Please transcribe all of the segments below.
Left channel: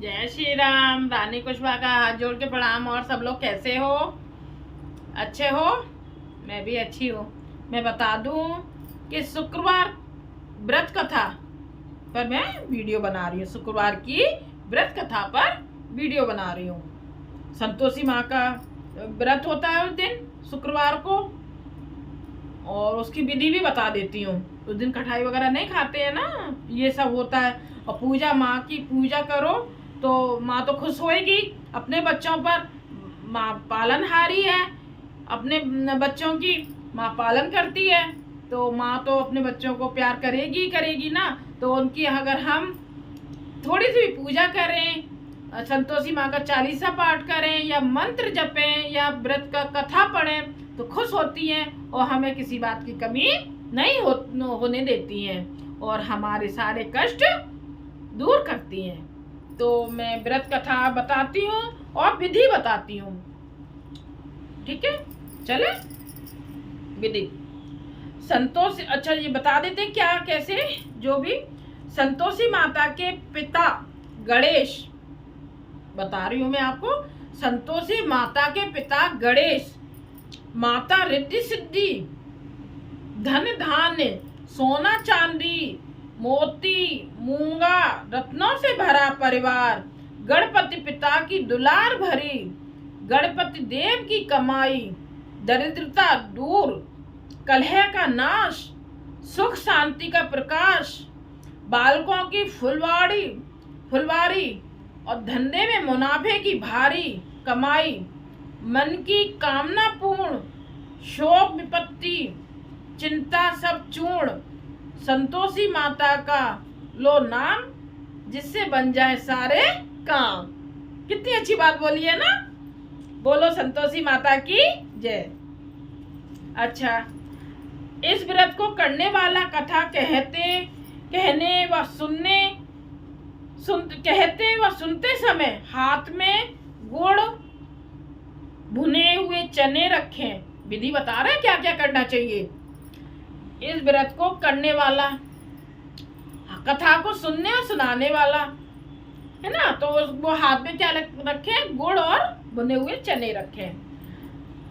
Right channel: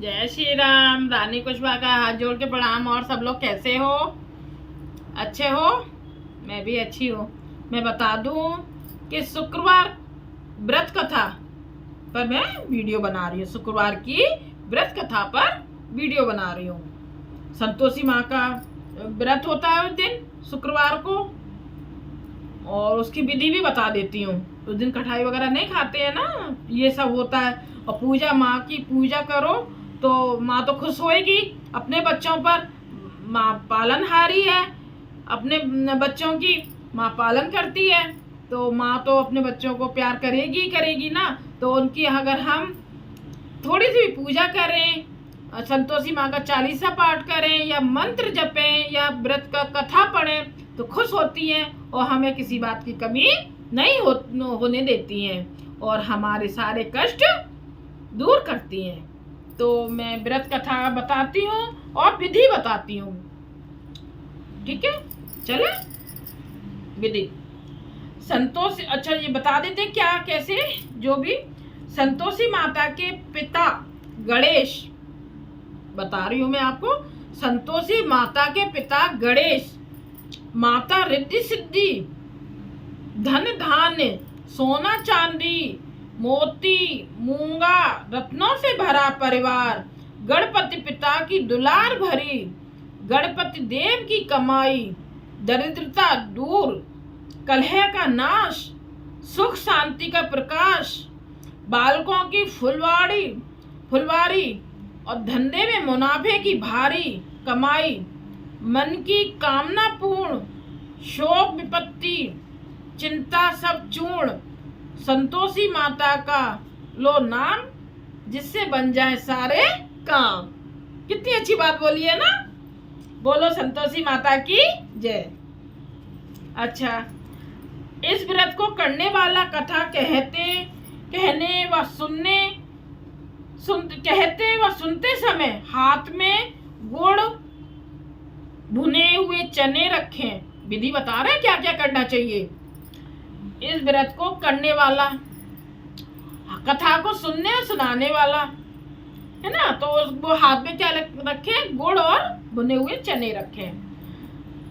जय श्री राम। रानी कुशवाहा का हाथ जोड़ के प्रणाम। और सब लोग कैसे हो? अच्छे हो? मैं भी अच्छी हूँ। मैं बता दूँ कि शुक्रवार व्रत कथा पर मैं वीडियो बना रही हूँ। शुक्रवार की व्रत कथा पर वीडियो बना रही हूँ। संतोषी माँ का व्रत होता है उस दिन शुक्रवार को, और उसकी विधि भी बता देती हूँ। उस दिन कढ़ाई वगैरह नहीं खाते हैं ना, ये सब होता है। और पूजा, माँ की पूजा करो तो माँ तो खुश होएगी अपने बच्चों पर। माँ पालनहारी है, अपने बच्चों की माँ पालन करती है, तो माँ तो अपने बच्चों को प्यार करेगी करेगी ना। तो उनकी अगर हम थोड़ी सी भी पूजा करें, संतोषी माँ का चालीसा पाठ करें या मंत्र जपें या व्रत का कथा पढ़ें तो खुश होती हैं और हमें किसी बात की कमी नहीं होने देती हैं और हमारे सारे कष्ट दूर करती हैं। तो मैं व्रत कथा बताती हूँ और विधि बताती हूँ। ठीक है, चले विधि। संतोषी, अच्छा ये बता देते हैं क्या कैसे। जो भी संतोषी माता के पिता गणेश, बता रही हूँ मैं आपको। संतोषी माता के पिता गणेश, माता रिद्धि सिद्धि, धन धान्य, सोना चांदी, मोती मूंगा, रत्नों से भरा परिवार, गणपति पिता की दुलार भरी, गणपति देव की कमाई, दरिद्रता दूर, कलह का नाश, सुख शांति का प्रकाश, बालकों की फुलवारी और धंधे में मुनाफे की भारी कमाई, मन की कामना पूर्ण, शोक विपत्ति चिंता सब चूर्ण, संतोषी माता का लो नाम, जिससे बन जाए सारे काम। कितनी अच्छी बात बोली है ना। बोलो संतोषी माता की जय। अच्छा, इस व्रत को करने वाला कथा कहते व सुनते समय हाथ में गुड़, भुने हुए चने रखें। विधि बता रहे हैं क्या क्या करना चाहिए। इस व्रत को करने वाला, कथा को सुनने और सुनाने वाला है ना, तो वो हाथ में क्या रखें? गुड़ और भुने हुए चने रखें।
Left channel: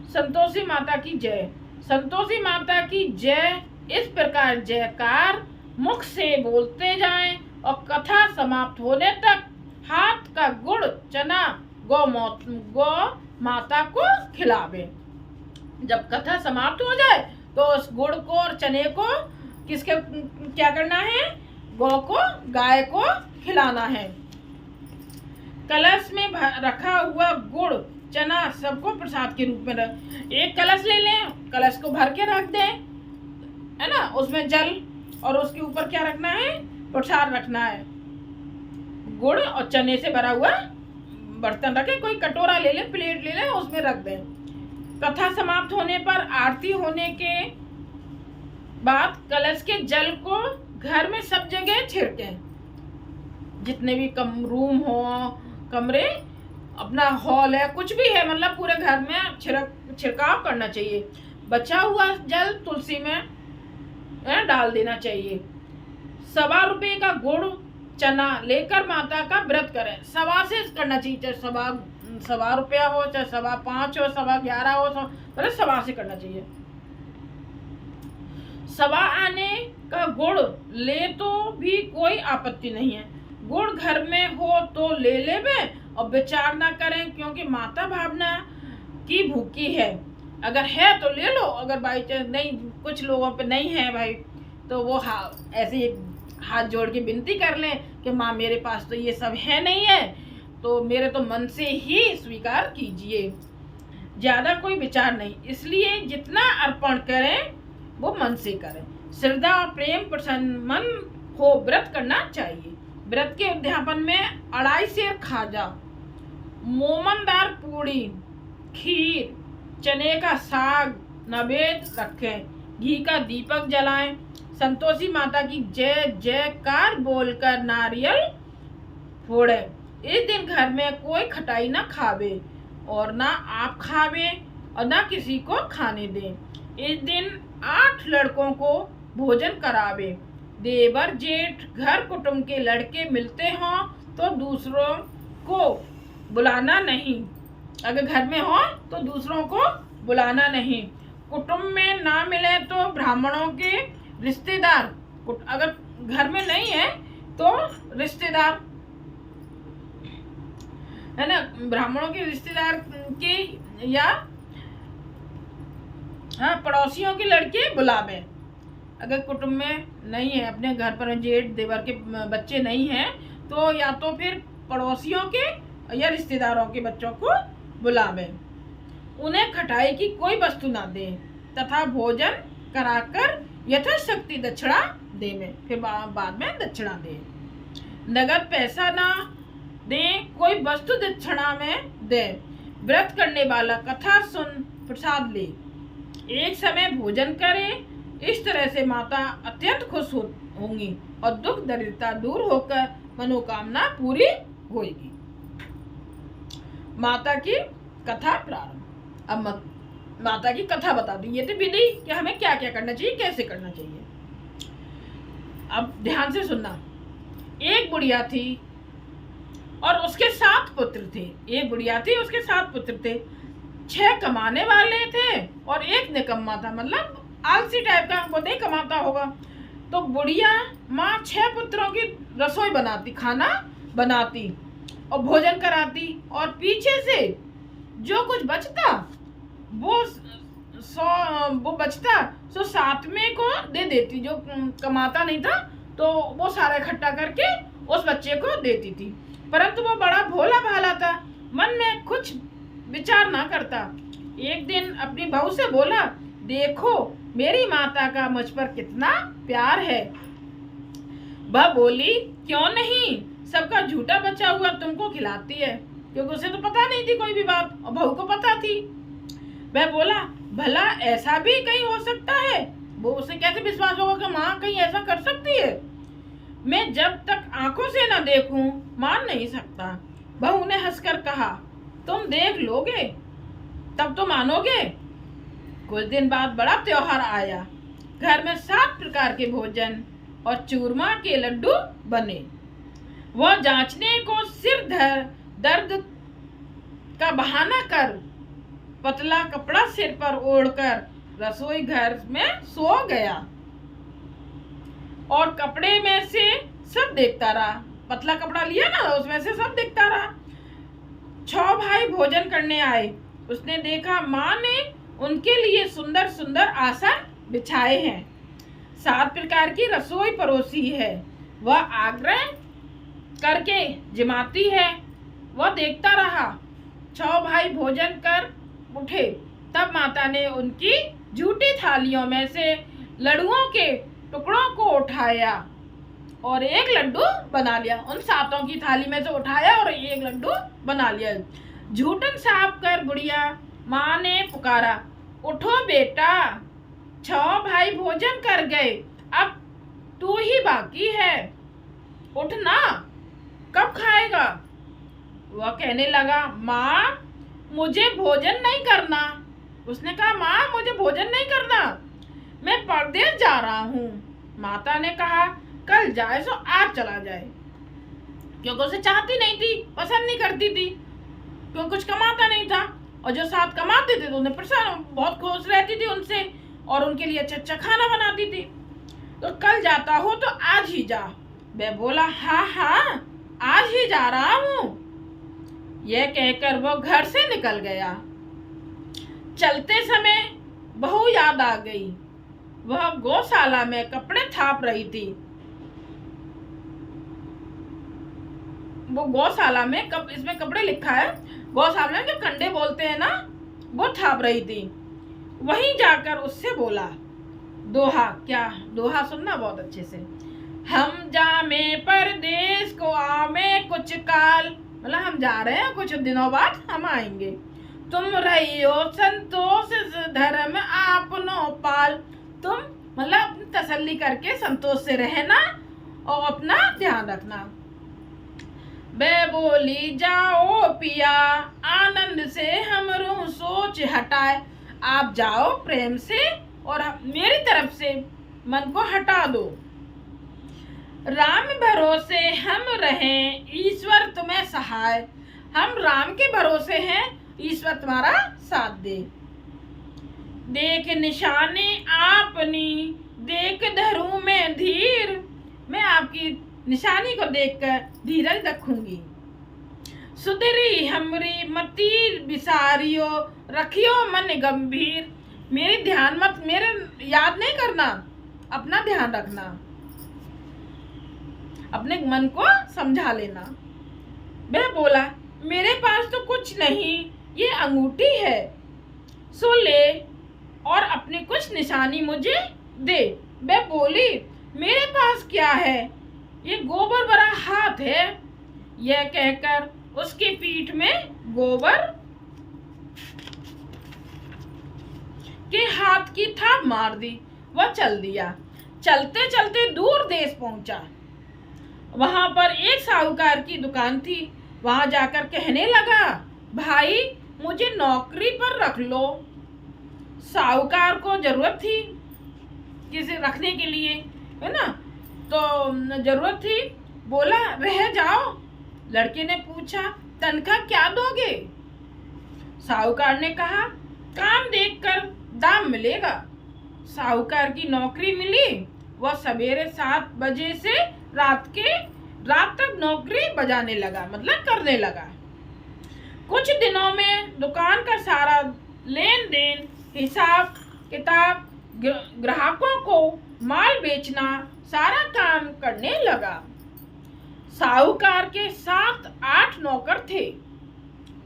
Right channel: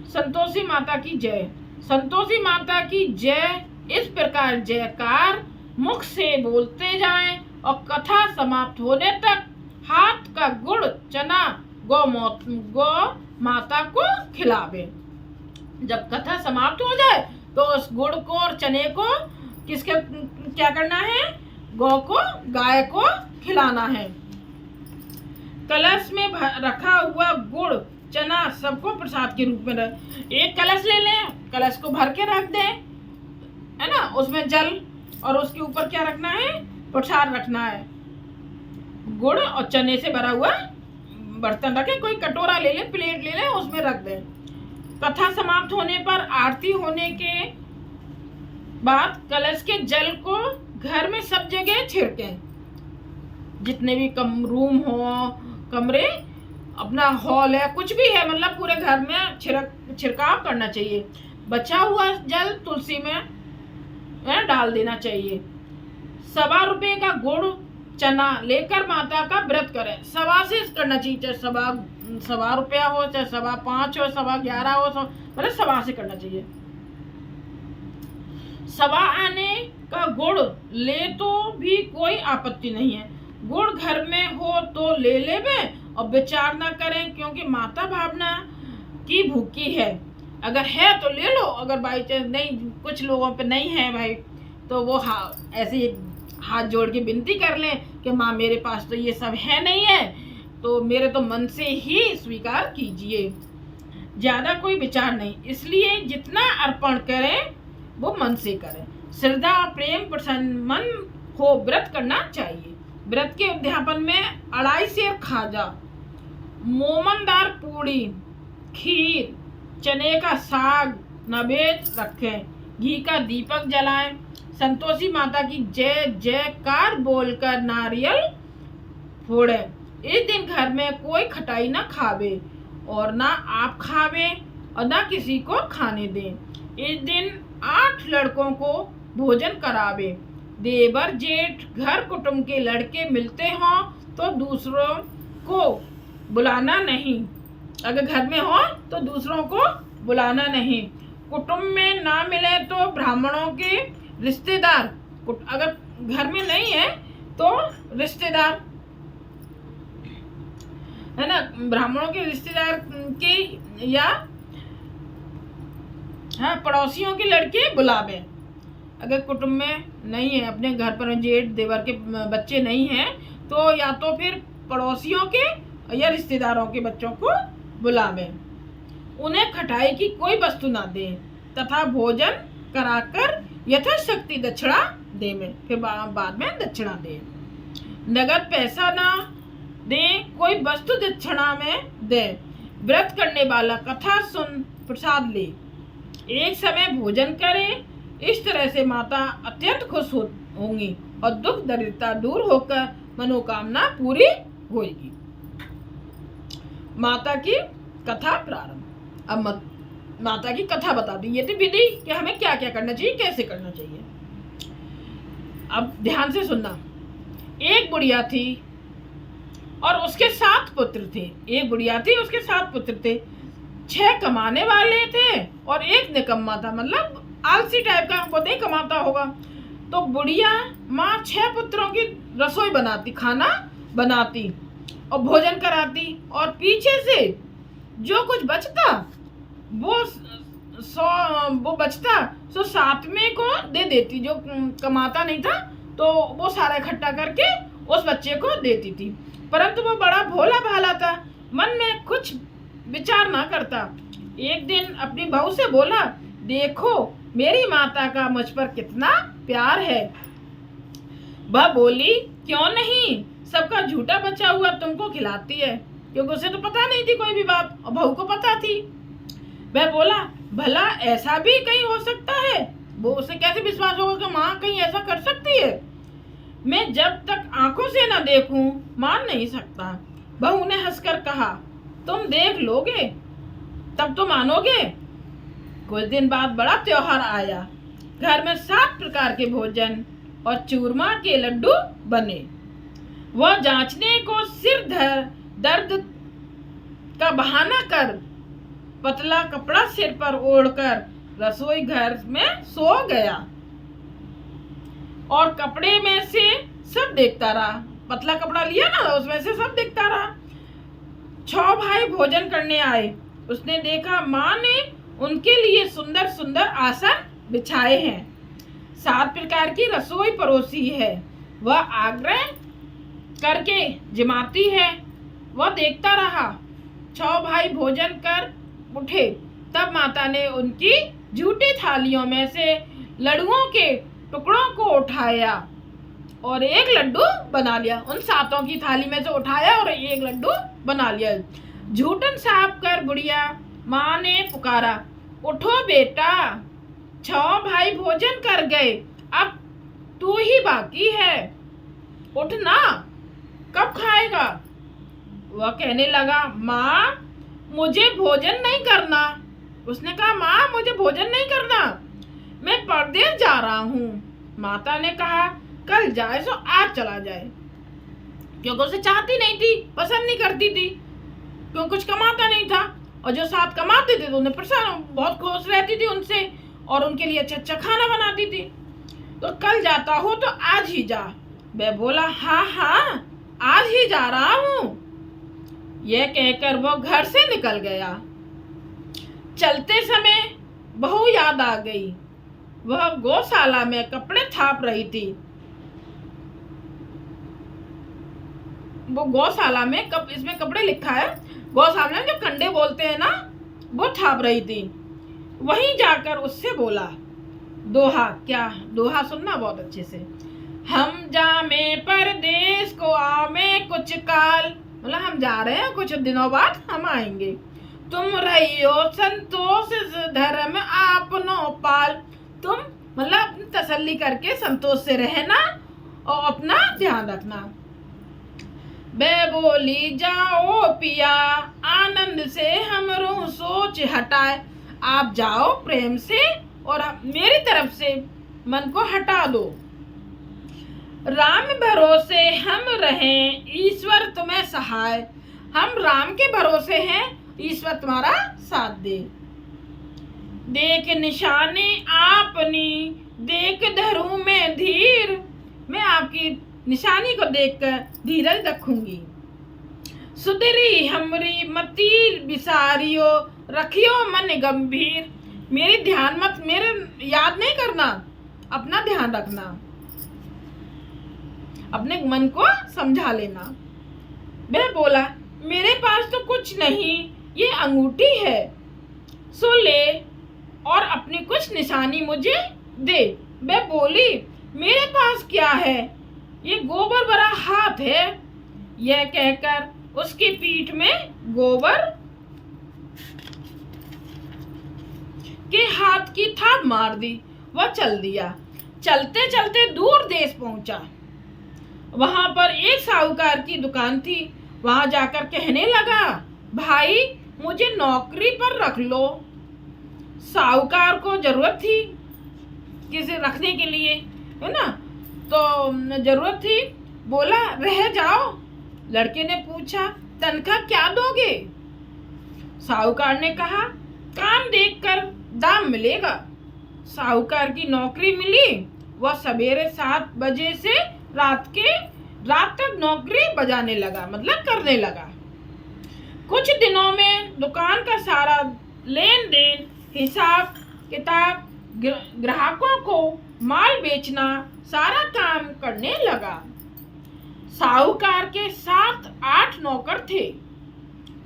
संतोषी माता की जय। संतोषी माता की जय इस प्रकार जयकार मुख से बोलते जाएं और कथा समाप्त होने तक हाथ का गुड़ चना गौ माता को खिलावे। जब कथा समाप्त हो जाए तो उस गुड़ को और चने को किसके क्या करना है? गौ को, गाय को खिलाना है। कलश में रखा हुआ गुड़ चना सबको प्रसाद के रूप में एक कलश ले लें, कलश को भर के रख दें, है ना। उसमें जल और उसके ऊपर क्या रखना है? प्रसाद रखना है। गुड़ और चने से भरा हुआ बर्तन रखें, कोई कटोरा ले लें, प्लेट ले लें, उसमें रख दें। कथा समाप्त होने पर आरती होने के बाद कलश के जल को घर में सब जगह छिड़कें। जितने भी रूम हो, कमरे, अपना हॉल है, कुछ भी है, मतलब पूरे घर में छिड़काव करना चाहिए। बचा हुआ जल तुलसी में डाल देना चाहिए। 1.25 रुपये का गुड़ चना लेकर माता का व्रत करें। 1.25 से करना चाहिए, चाहे 1.25 रुपया हो, चाहे 5.25 हो, 11.25 हो, मतलब 1.25 से करना चाहिए। 1.25 आने का गुड़ ले तो भी कोई आपत्ति नहीं है। गुड़ घर में हो तो ले लेवे और विचार ना करें, क्योंकि माता भावना की भूखी है। अगर है तो ले लो, अगर बाई चांस नहीं, कुछ लोगों पे नहीं है भाई, तो वो ऐसे हाथ जोड़ के विनती कर लें कि माँ मेरे पास तो ये सब है नहीं है, तो मेरे तो मन से ही स्वीकार कीजिए। ज़्यादा कोई विचार नहीं, इसलिए जितना अर्पण करें वो मन से करें। श्रद्धा और प्रेम प्रसन्न मन हो व्रत करना चाहिए। व्रत के उद्यापन में 2.5 सेर खाजा, मोमनदार पूड़ी, खीर, चने का साग नैवेद्य रखें, घी का दीपक जलाएं। संतोषी माता की जय जयकार बोलकर नारियल फोड़ें। इस दिन घर में कोई खटाई ना खावे और ना आप खावे और ना किसी को खाने दें। इस दिन 8 लड़कों को भोजन करावे। देवर जेठ घर कुटुंब के लड़के मिलते हों तो दूसरों को बुलाना नहीं। अगर घर में हो तो दूसरों को बुलाना नहीं। कुटुंब में ना मिले तो ब्राह्मणों के रिश्तेदार, अगर घर में नहीं है तो रिश्तेदार है ना, ब्राह्मणों के रिश्तेदार के या हाँ पड़ोसियों के लड़के बुलावे। अगर कुटुंब में नहीं है, अपने घर पर जेठ देवर के बच्चे नहीं हैं, तो या तो फिर पड़ोसियों के या रिश्तेदारों के बच्चों को बुलावे। उन्हें खटाई की कोई वस्तु ना दे तथा भोजन कराकर यथाशक्ति दक्षिणा देवे। फिर बाद में दक्षिणा दे। नगद पैसा ना दे, कोई वस्तु दक्षिणा में दे। व्रत करने वाला कथा सुन प्रसाद ले, एक समय भोजन करे। इस तरह से माता अत्यंत खुश होंगी और दुख दरिद्रता दूर होकर मनोकामना पूरी होगी। माता की कथा प्रारंभ। अब माता की कथा बता दी। ये तो विधि कि हमें क्या क्या करना चाहिए, कैसे करना चाहिए। अब ध्यान से सुनना। एक बुढ़िया थी और उसके 7 पुत्र थे। एक बुढ़िया थी, उसके 7 पुत्र थे। 6 कमाने वाले थे और एक निकम्मा था, मतलब आलसी टाइप का, वो नहीं कमाता होगा। तो बुढ़िया माँ 6 पुत्रों की रसोई बनाती, खाना बनाती और भोजन कराती, और पीछे से जो कुछ बचता वो बचता तो 7वें को दे देती। जो कमाता नहीं था तो वो सारा इकट्ठा करके उस बच्चे को देती थी। परंतु वो बड़ा भोला भाला था, मन में कुछ विचार ना करता। एक दिन अपनी बहू से बोला, देखो मेरी माता का मुझ पर कितना प्यार है। वह बोली, क्यों नहीं, सबका झूठा बचा हुआ तुमको खिलाती है। क्योंकि उसे तो पता नहीं थी कोई भी बात, और बहू को पता थी। वह बोला, भला ऐसा भी कहीं हो सकता है। वो उसे कैसे विश्वास होगा कि माँ कहीं ऐसा कर सकती है। मैं जब तक आंखों से न देखूं मान नहीं सकता। बहू ने हंसकर कहा, तुम देख लोगे तब तो मानोगे। कुछ दिन बाद बड़ा त्योहार आया। घर में 7 प्रकार के भोजन और चूरमा के लड्डू बने। वह जांचने को सिर दर्द का बहाना कर पतला कपड़ा सिर पर ओढ़कर रसोई घर में सो गया और कपड़े में से सब देखता रहा। पतला कपड़ा लिया ना, उसमें से सब देखता रहा। 6 भाई भोजन करने आए। उसने देखा माँ ने उनके लिए सुंदर सुंदर आसन बिछाए हैं, 7 प्रकार की रसोई परोसी है। वह आग्रह करके जिमाती है। वह देखता रहा। 6 भाई भोजन कर उठे। तब माता ने उनकी झूठी थालियों में से लड्डुओं के टुकड़ों को उठाया और एक लड्डू बना लिया। उन 7 की थाली में से उठाया और एक लड्डू बना लिया। झूठन साफ कर बुढ़िया माँ ने पुकारा, उठो बेटा, 6 भाई भोजन कर गए, अब तू ही बाकी है, उठ ना, कब खाएगा। वह कहने लगा, माँ मुझे भोजन नहीं करना। उसने कहा, माँ मुझे भोजन नहीं करना, मैं परदेश जा रहा हूँ। माता ने कहा, कल जाए सो आज चला जाए। क्योंकि उसे चाहती नहीं थी, पसंद नहीं करती थी, क्योंकि कुछ कमाता नहीं था। और जो 7 कमाते थे तो उन्हें परेशान, बहुत खुश रहती थी उनसे और उनके लिए अच्छा अच्छा खाना बनाती थी। तो कल जाता हो तो आज ही जा। वह बोला, हाँ हाँ आज ही जा रहा हूँ। यह कहकर वो घर से निकल गया। चलते समय बहू याद आ गई। वह गौशाला में कपड़े थाप रही थी। वो गौशाला में इसमें कपड़े लिखा है, गौशाला में जो कंडे बोलते हैं ना, वो थाप रही थी। वहीं जाकर उससे बोला, दोहा, क्या दोहा सुनना बहुत अच्छे से। हम जामे परदेश को आमे कुछ काल, मतलब हम जा रहे हैं, कुछ दिनों बाद हम आएंगे। तुम रहियो संतोष धर्म आपनो पाल। तुम मतलब अपनी तसल्ली करके संतोष से रहना और अपना ध्यान रखना। बे बोली, जाओ पिया आनंद से हमरो सोच हटाए। आप जाओ प्रेम से और मेरी तरफ से मन को हटा दो। राम भरोसे हम रहें, ईश्वर तुम्हें सहाय। हम राम के भरोसे हैं, ईश्वर तुम्हारा साथ दे। देख निशानी आपनी, देख धरूं मैं धीर। मैं आपकी निशानी को देखकर धीरज रखूंगी। सुधरी हमरी मति बिसारियो, रखियो मन गंभीर। मेरी ध्यान मत, मेरे याद नहीं करना, अपना ध्यान रखना, अपने मन को समझा लेना। वह बोला, मेरे पास तो कुछ नहीं, ये अंगूठी है, सो ले और अपनी कुछ निशानी मुझे दे। वह बोली, मेरे पास क्या है, ये गोबर भरा हाथ है। यह कहकर उसकी पीठ में गोबर के हाथ की थाप मार दी। वह चल दिया। चलते चलते दूर देश पहुंचा। वहां पर एक साहूकार की दुकान थी। वहां जाकर कहने लगा, भाई मुझे नौकरी पर रख लो। साहूकार को जरूरत थी किसे रखने के लिए, है ना, तो जरूरत थी। बोला, रह जाओ। लड़के ने पूछा, तनख्वाह क्या दोगे? साहूकार ने कहा, काम देखकर दाम मिलेगा। साहूकार की नौकरी मिली। वह सवेरे 7 बजे से रात तक नौकरी बजाने लगा, मतलब करने लगा। कुछ दिनों में दुकान का सारा लेन देन, हिसाब किताब, ग्राहकों को माल बेचना, सारा काम करने लगा। साहूकार के 7-8 नौकर थे।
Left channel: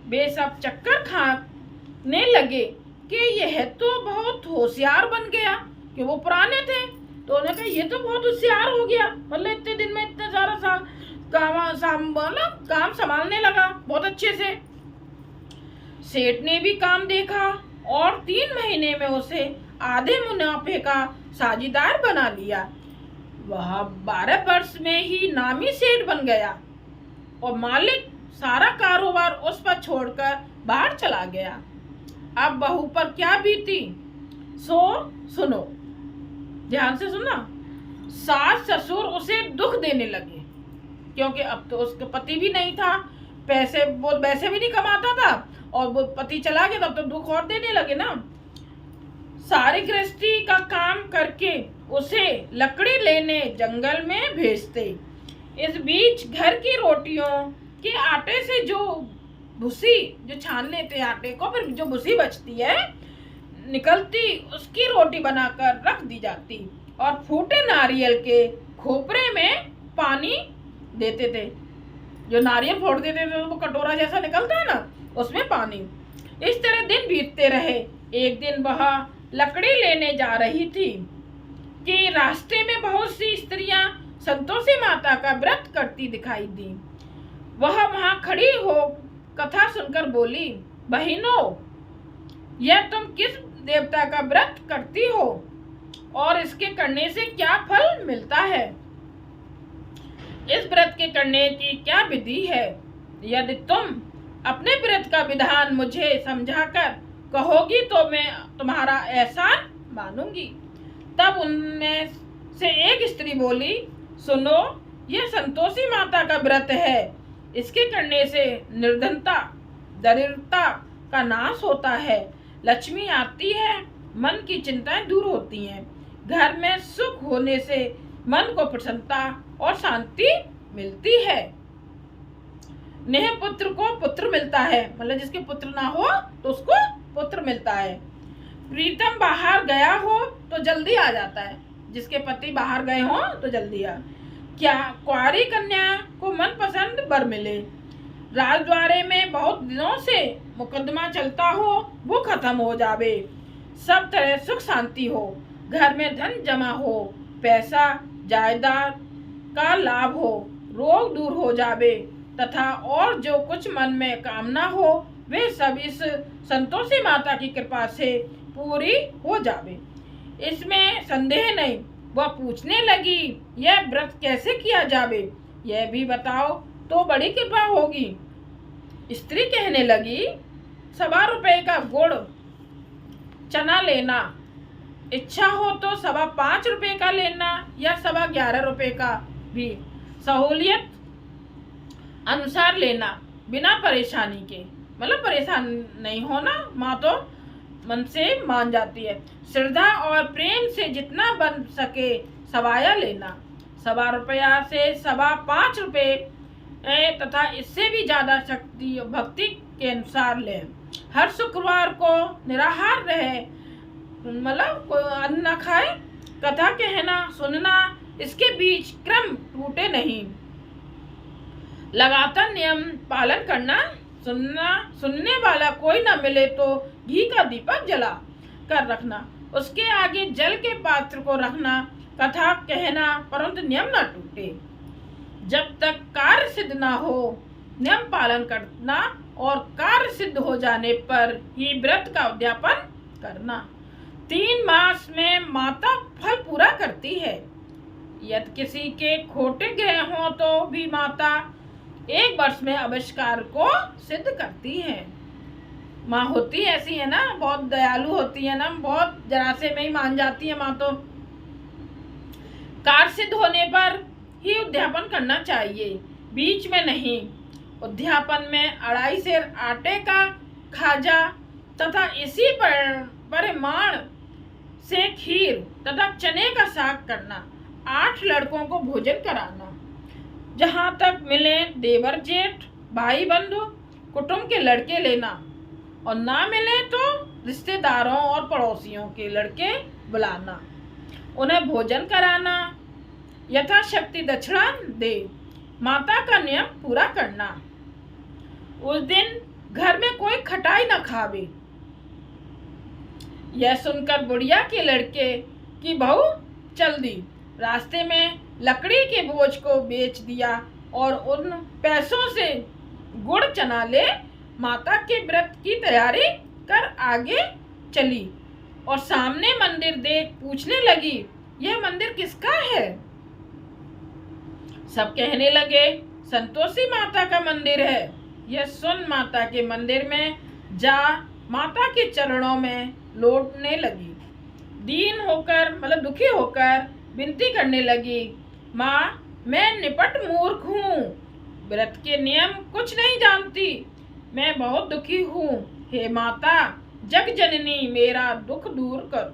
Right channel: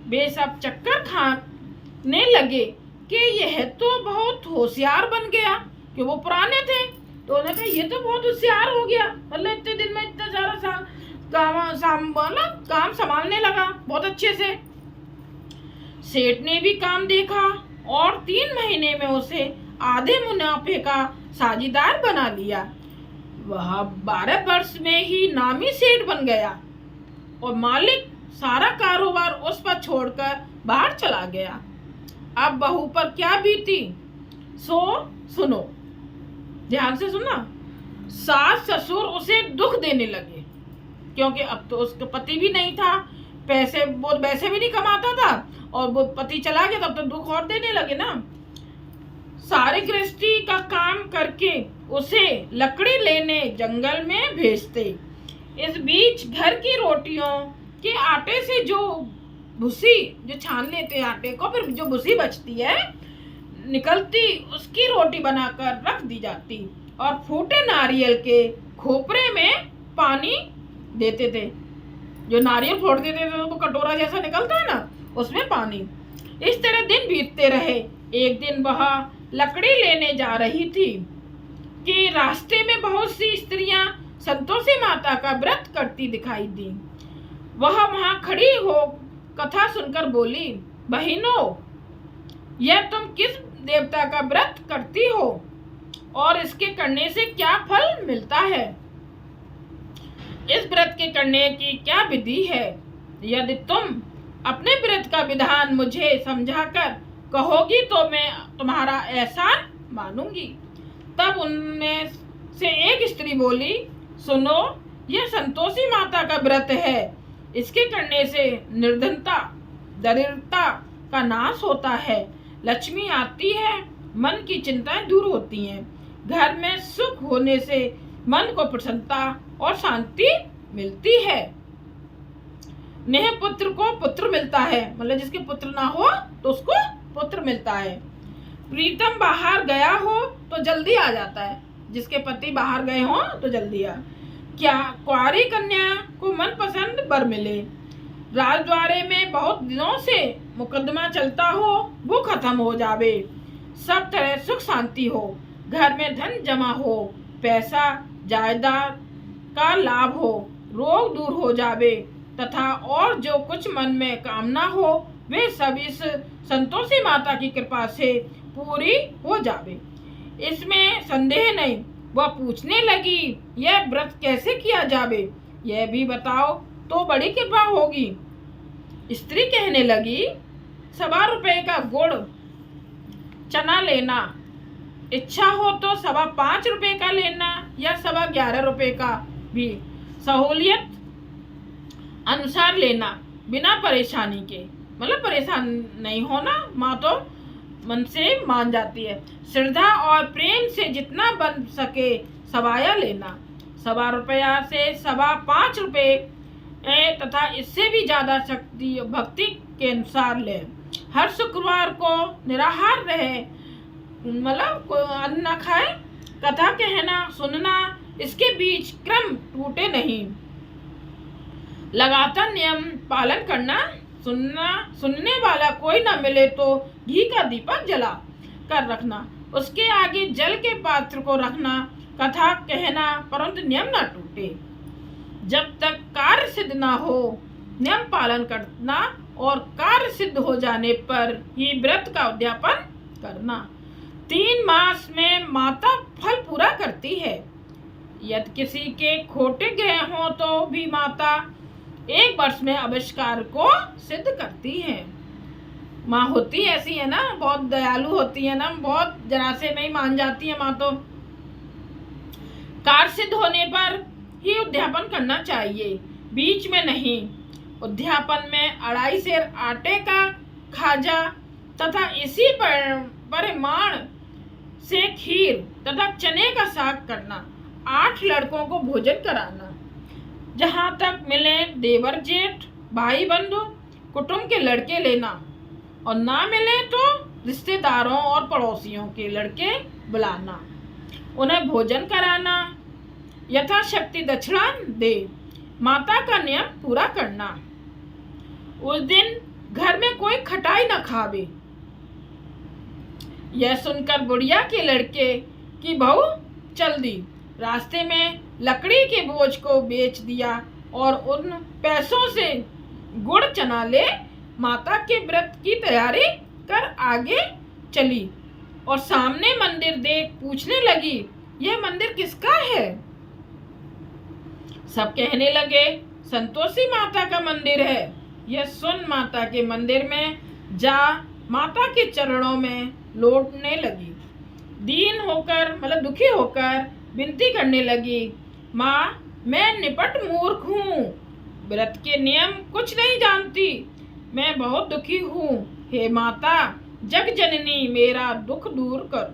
वे सब चक्कर खाने लगे कि यह तो बहुत होशियार बन गया, कि वो पुराने थे तो उन्होंने कहा ये तो बहुत होशियार हो गया, मतलब इतने दिन में इतना सारा काम संभालने लगा बहुत अच्छे से। सेठ ने भी काम देखा और 3 महीने में उसे आधे मुनाफे का साझीदार बना लिया। वह 12 वर्ष में ही नामी सेठ बन गया और मालिक सारा कारोबार उस पर छोड़कर बाहर चला गया। अब बहू पर क्या बीती सो सुनो, ध्यान से सुना। सास ससुर उसे दुख देने लगे, क्योंकि अब तो उसका पति भी नहीं था, पैसे वो वैसे भी नहीं कमाता था, और वो पति चला गया तब तो दुख और देने लगे ना। सारे गृहस्थी का काम करके उसे लकड़ी लेने जंगल में भेजते। इस बीच घर की रोटियों के आटे से जो भूसी जो छान लेते आटे को, फिर जो भूसी बचती है निकलती, उसकी रोटी बनाकर रख दी जाती और फूटे नारियल के खोपरे में पानी देते थे। जो नारियल फोड़ देते थे वो कटोरा जैसा निकलता है ना, उसमें पानी। इस तरह दिन बीतते रहे। एक दिन वह लकड़ी लेने जा रही थी कि रास्ते में बहुत सी स्त्रियां संतोषी माता का व्रत करती दिखाई दी। वह वहां खड़ी हो कथा सुनकर बोली, बहनों, यह तुम किस देवता का व्रत करती हो और इसके करने से क्या फल मिलता है? इस व्रत के करने की क्या विधि है? यदि तुम अपने व्रत का विधान मुझे समझाकर कहोगी तो मैं तुम्हारा एहसान मानूंगी। तब उनमें से एक स्त्री बोली, सुनो, यह संतोषी माता का व्रत है। इसके करने से निर्धनता, दरिद्रता का नाश होता है, लक्ष्मी आती है, मन की चिंताएं दूर होती हैं, घर में सुख होने से मन को प्रसन्नता और शांति मिलती है। नेह पुत्र को पुत्र मिलता है, मतलब जिसके पुत्र ना हो तो उसको पुत्र मिलता है। प्रीतम बाहर गया हो तो जल्दी आ जाता है, जिसके पति बाहर गए हो तो जल्दी आ। क्या कुंवारी कन्या को मनपसंद वर मिले। राजद्वारे में बहुत दिनों से मुकदमा चलता हो वो खत्म हो जावे, सब तरह सुख शांति हो, घर में धन जमा हो, पैसा जायदाद का लाभ हो, रोग दूर हो जावे तथा और जो कुछ मन में कामना हो वे सब इस संतोषी माता की कृपा से पूरी हो जावे, इसमें संदेह नहीं। वह पूछने लगी, यह व्रत कैसे किया जावे, यह भी बताओ तो बड़ी कृपा होगी। स्त्री कहने लगी, 1.25 रुपए का गुड़ चना लेना, इच्छा हो तो 5.25 रुपए का लेना या 11.25 रुपए का, भी सहूलियत अनुसार लेना, बिना परेशानी के, मतलब परेशान नहीं होना। माँ तो मन से मान जाती है। श्रद्धा और प्रेम से जितना बन सके सवाया लेना, 1.25 रुपया से 5.25 रुपये तथा इससे भी ज़्यादा शक्ति भक्ति के अनुसार लें। हर शुक्रवार को निराहार रहे, मतलब कोई अन्न न खाए। कथा कहना सुनना, इसके बीच क्रम टूटे नहीं। लगातार नियम पालन करना, सुनने वाला कोई न मिले तो घी का दीपक जला कर रखना, उसके आगे जल के पात्र को रखना। कथा कहना परंतु नियम न टूटे। जब तक कार्य सिद्ध न हो नियम पालन करना और कार्य सिद्ध हो जाने पर ही व्रत का उद्यापन करना। 3 मास में माता फल पूरा करती है। यदि किसी के खोटे गए हों तो भी माता 1 वर्ष में आविष्कार को सिद्ध करती है। माँ होती ऐसी है ना, बहुत दयालु होती है ना, बहुत जरा से में ही मान जाती है माँ। तो कार्य सिद्ध होने पर ही उद्यापन करना चाहिए, बीच में नहीं। उद्यापन में 2.5 सेर आटे का खाजा तथा इसी परिमाण से खीर तथा चने का साग करना। 8 लड़कों को भोजन कराना। जहाँ तक मिले देवर जेठ भाई बंधु कुटुंब के लड़के लेना, और ना मिले तो रिश्तेदारों और पड़ोसियों के लड़के बुलाना, उन्हें भोजन कराना, यथाशक्ति दक्षिणा दे। माता का नियम पूरा करना। उस दिन घर में कोई खटाई न खावे। यह सुनकर बुढ़िया के लड़के की बहू चल दी। रास्ते में लकड़ी के बोझ को बेच दिया और उन पैसों से गुड़ चना ले माता के व्रत की तैयारी कर आगे चली और सामने मंदिर देख पूछने लगी, यह मंदिर किसका है? सब कहने लगे, संतोषी माता का मंदिर है। यह सुन माता के मंदिर में जा माता के चरणों में लौटने लगी। दीन होकर, मतलब दुखी होकर विनती करने लगी, माँ मैं निपट मूर्ख हूँ, व्रत के नियम कुछ नहीं जानती, मैं बहुत दुखी हूँ। हे माता जग जननी मेरा दुख दूर कर,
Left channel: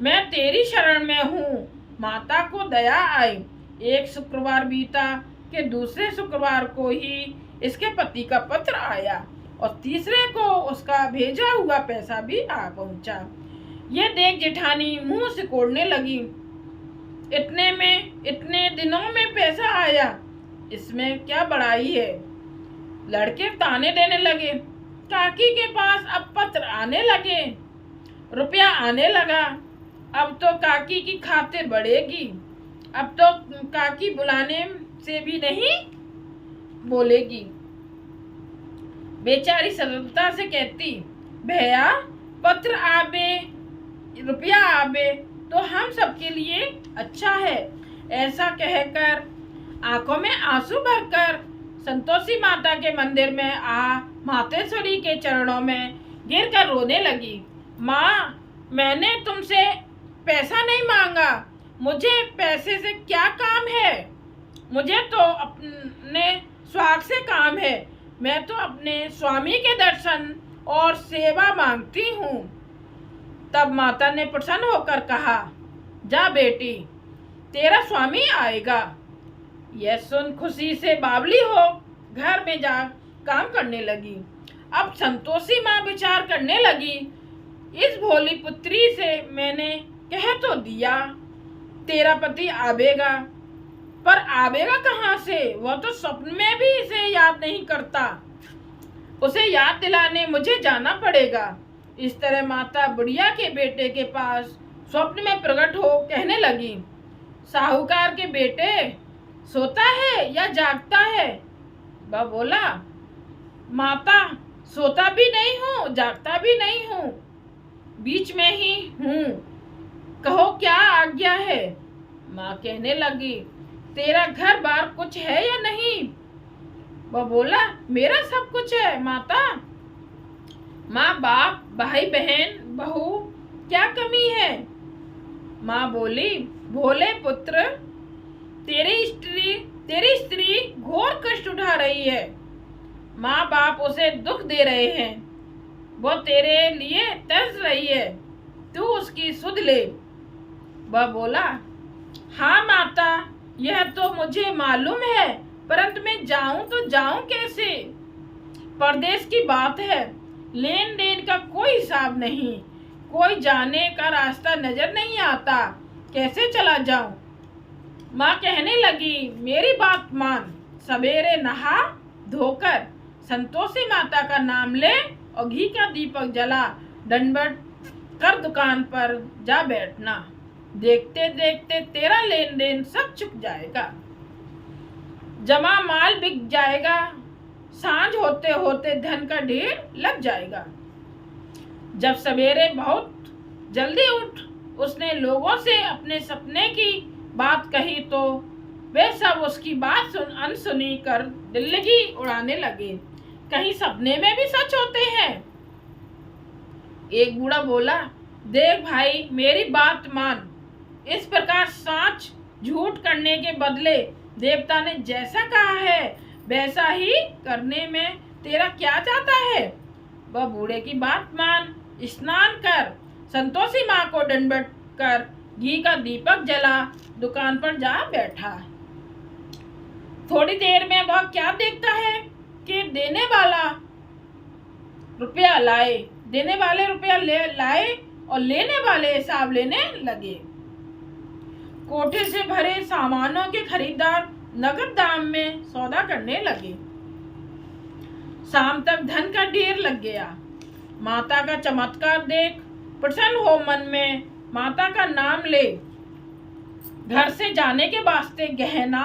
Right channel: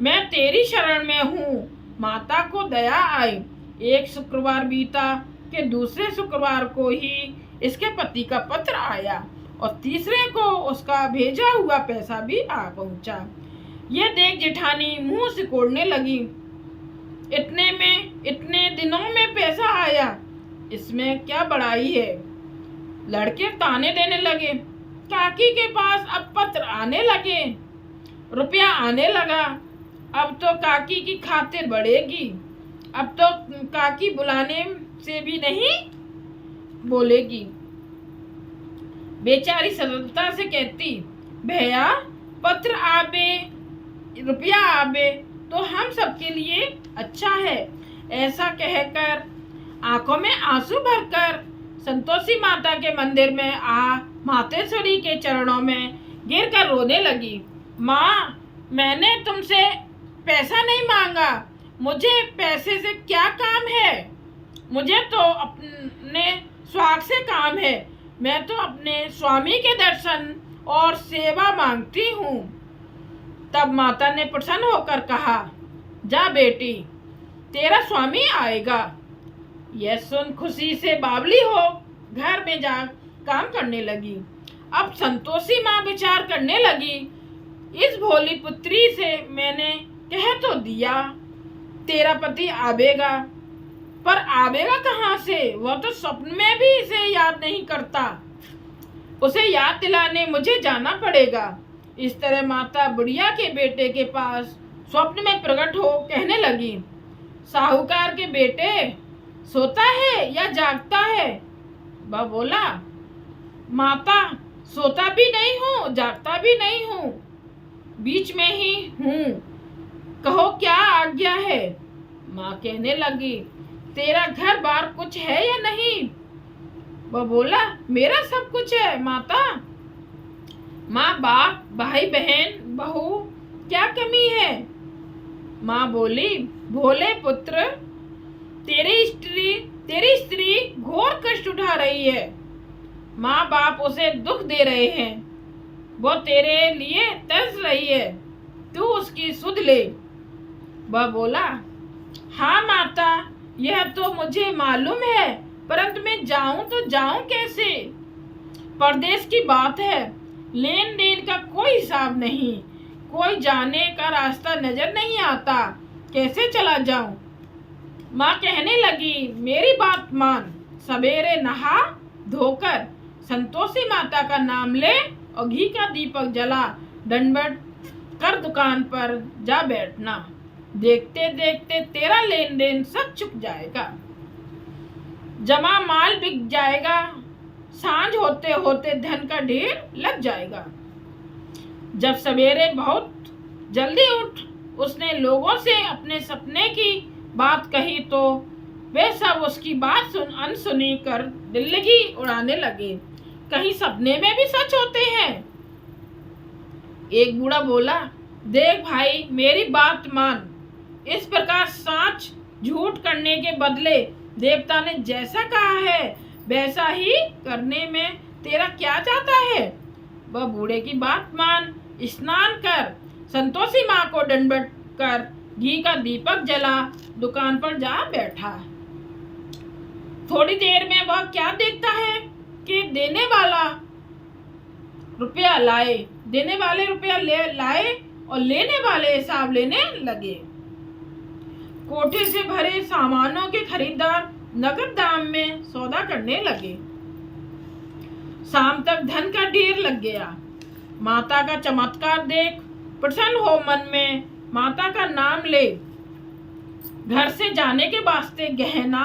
मैं तेरी शरण में हूँ। माता को दया आई। एक शुक्रवार बीता कि दूसरे शुक्रवार को ही इसके पति का पत्र आया और तीसरे को उसका भेजा हुआ पैसा भी आ पहुंचा। ये देख जेठानी मुंह सिकोड़ने लगी, इतने दिनों में पैसा आया, इसमें क्या बड़ाई है? लड़के ताने देने लगे। काकी के पास अब पत्र आने लगे, रुपया आने लगा, अब तो काकी की खातिर बढ़ेगी, अब तो काकी बुलाने से भी नहीं बोलेगी। बेचारी सरलता से कहती, भैया पत्र आवे रुपया आवे तो हम सबके लिए अच्छा है। ऐसा कहकर आंखों में आंसू भरकर संतोषी माता के मंदिर में आ मातेश्वरी के चरणों में गिरकर रोने लगी। माँ मैंने तुमसे पैसा नहीं मांगा, मुझे पैसे से क्या काम है? मुझे तो अपने स्वाग से काम है, मैं तो अपने स्वामी के दर्शन और सेवा मांगती हूँ। तब माता ने प्रसन्न होकर कहा, जा बेटी तेरा स्वामी आएगा। यह सुन खुशी से बावली हो घर में जा काम करने लगी। अब संतोषी माँ विचार करने लगी, इस भोली पुत्री से मैंने कह तो दिया तेरा पति आवेगा, पर आवेगा कहाँ से? वह तो स्वप्न में भी इसे याद नहीं करता, उसे याद दिलाने मुझे जाना पड़ेगा। इस तरह माता बुढ़िया के बेटे के पास स्वप्न में प्रकट हो कहने लगी, साहूकार के बेटे सोता है या जागता है? वह बोला, माता सोता भी नहीं हूँ जागता भी नहीं हूँ, बीच में ही हूँ, कहो क्या आज्ञा है? माँ कहने लगी, तेरा घर बार कुछ है या नहीं? वह बोला, मेरा सब कुछ है माता। माँ बाप भाई बहन बहू क्या कमी है? माँ बोली, भोले पुत्र तेरी स्त्री घोर कष्ट उठा रही है। माँ बाप उसे दुख दे रहे हैं, वो तेरे लिए तरस रही है, तू उसकी सुध ले। वह बोला, हाँ माता, यह तो मुझे मालूम है, परंतु मैं जाऊं तो जाऊं कैसे? परदेश की बात है, लेन देन का कोई हिसाब नहीं, कोई जाने का रास्ता नजर नहीं आता, कैसे चला जाऊं? माँ कहने लगी, मेरी बात मान, सवेरे नहा धोकर संतोषी माता का नाम ले और घी का दीपक जला दंडवत कर दुकान पर जा बैठना। देखते देखते तेरा लेन देन सब चुक जाएगा, जमा माल बिक जाएगा, सांझ होते होते धन का ढेर लग जाएगा। जब सवेरे बहुत जल्दी उठ उसने लोगों से अपने सपने की बात कही तो वे सब उसकी बात अनसुनी कर दिल्लगी उड़ाने लगे। कहीं सपने में भी सच होते हैं? एक बूढ़ा बोला, देख भाई, मेरी बात मान, इस प्रकार सांच झूठ करने के बदले देवता ने जैसा कहा है वैसा ही करने में तेरा क्या जाता है? वह बूढ़े की बात मान, स्नान कर, संतोषी माँ को दंडवत कर, घी का दीपक जला दुकान पर जा बैठा। थोड़ी देर में वह क्या देखता है कि देने वाले रुपया लाए और लेने वाले हिसाब लेने लगे। कोठे से भरे सामानों के खरीदार नगद दाम में सौदा करने लगे। शाम तक धन का ढेर लग गया। माता का चमत्कार देख प्रसन्न हो मन में माता का नाम ले घर से जाने के वास्ते गहना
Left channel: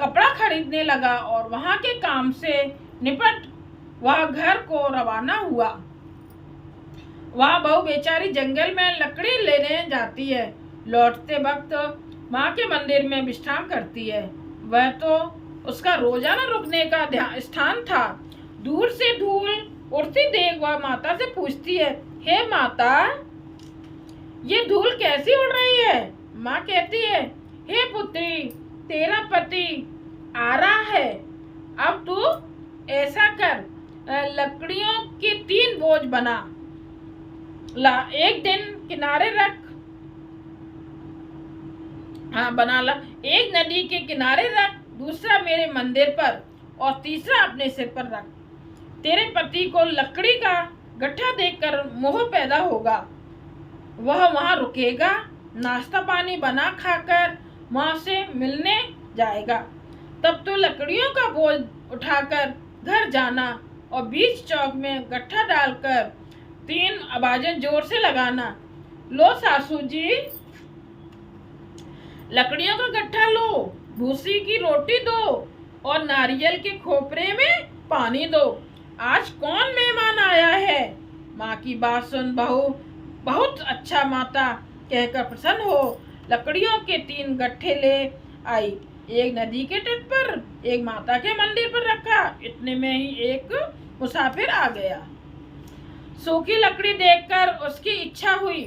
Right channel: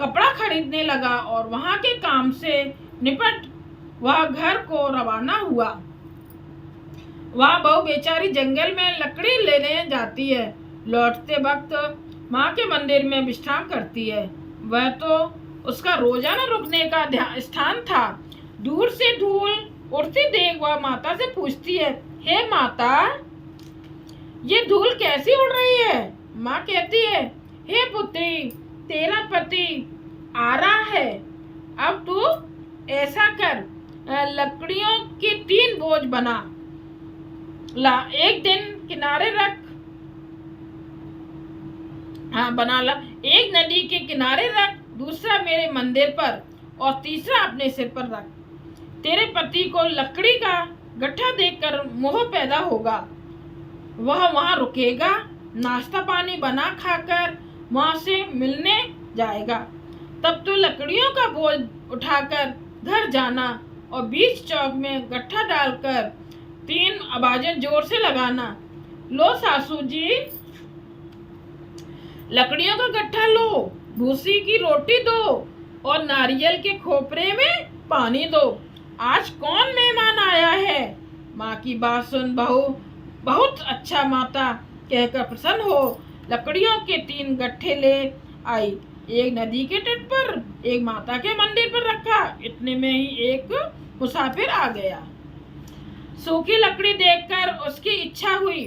कपड़ा खरीदने लगा और वहां के काम से निपट वह घर को रवाना हुआ। वह बहू बेचारी जंगल में लकड़ी लेने जाती है, लौटते वक्त माँ के मंदिर में विश्राम करती है। वह तो उसका रोजाना रुकने का स्थान था। दूर से धूल उड़ती देख वह माता से पूछती है, हे माता, ये धूल कैसी उड़ रही है? माँ कहती है, हे पुत्री, तेरा पति आ रहा है, अब तू ऐसा कर, लकड़ियों की 3 बोझ बना ला, एक दिन किनारे रख, बना ला, एक नदी के किनारे रख, दूसरा मेरे मंदिर पर और तीसरा अपने सिर पर रख। तेरे पति को लकड़ी का गट्ठा देखकर मोह पैदा होगा, वह वहां रुकेगा, नाश्ता पानी बना खाकर वहां से मिलने जाएगा। तब तो लकड़ियों का बोझ उठाकर घर जाना और बीच चौक में गट्ठा डालकर 3 आवाजें जोर से लगाना, लो सासू जी, लकड़ियों का गट्ठा लो, भूसी की रोटी दो और नारियल के खोपरे में पानी दो। आज कौन मेहमान आया है? माँ की बात सुन बहू बहुत अच्छा माता कहकर प्रसन्न हो लकड़ियों के 3 गट्ठे ले आई। एक नदी के तट पर, एक माता के मंदिर पर रखा। इतने में ही एक मुसाफिर आ गया। सूखी लकड़ी देखकर उसकी इच्छा हुई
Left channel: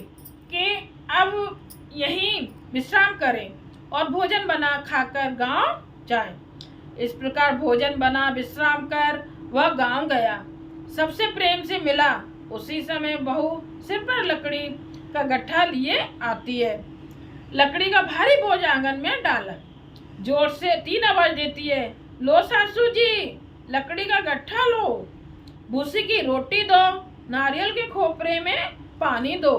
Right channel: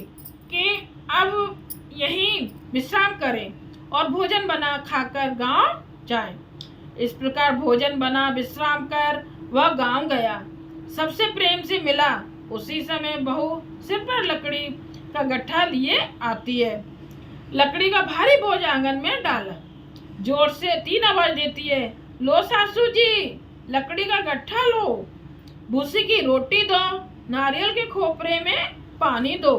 कि अब यहीं विश्राम करें और भोजन बना खाकर गांव जाएं। इस प्रकार भोजन बना विश्राम कर वह गांव गया। सबसे प्रेम से मिला। उसी समय बहू सिर पर लकड़ी का गट्ठा लिए आती है। लकड़ी का भारी बोझ आंगन में डाला, जोर से 3 आवाज देती है, लो सासू जी, लकड़ी का गट्ठा लो, भूसी की रोटी दो, नारियल के खोपरे में पानी दो।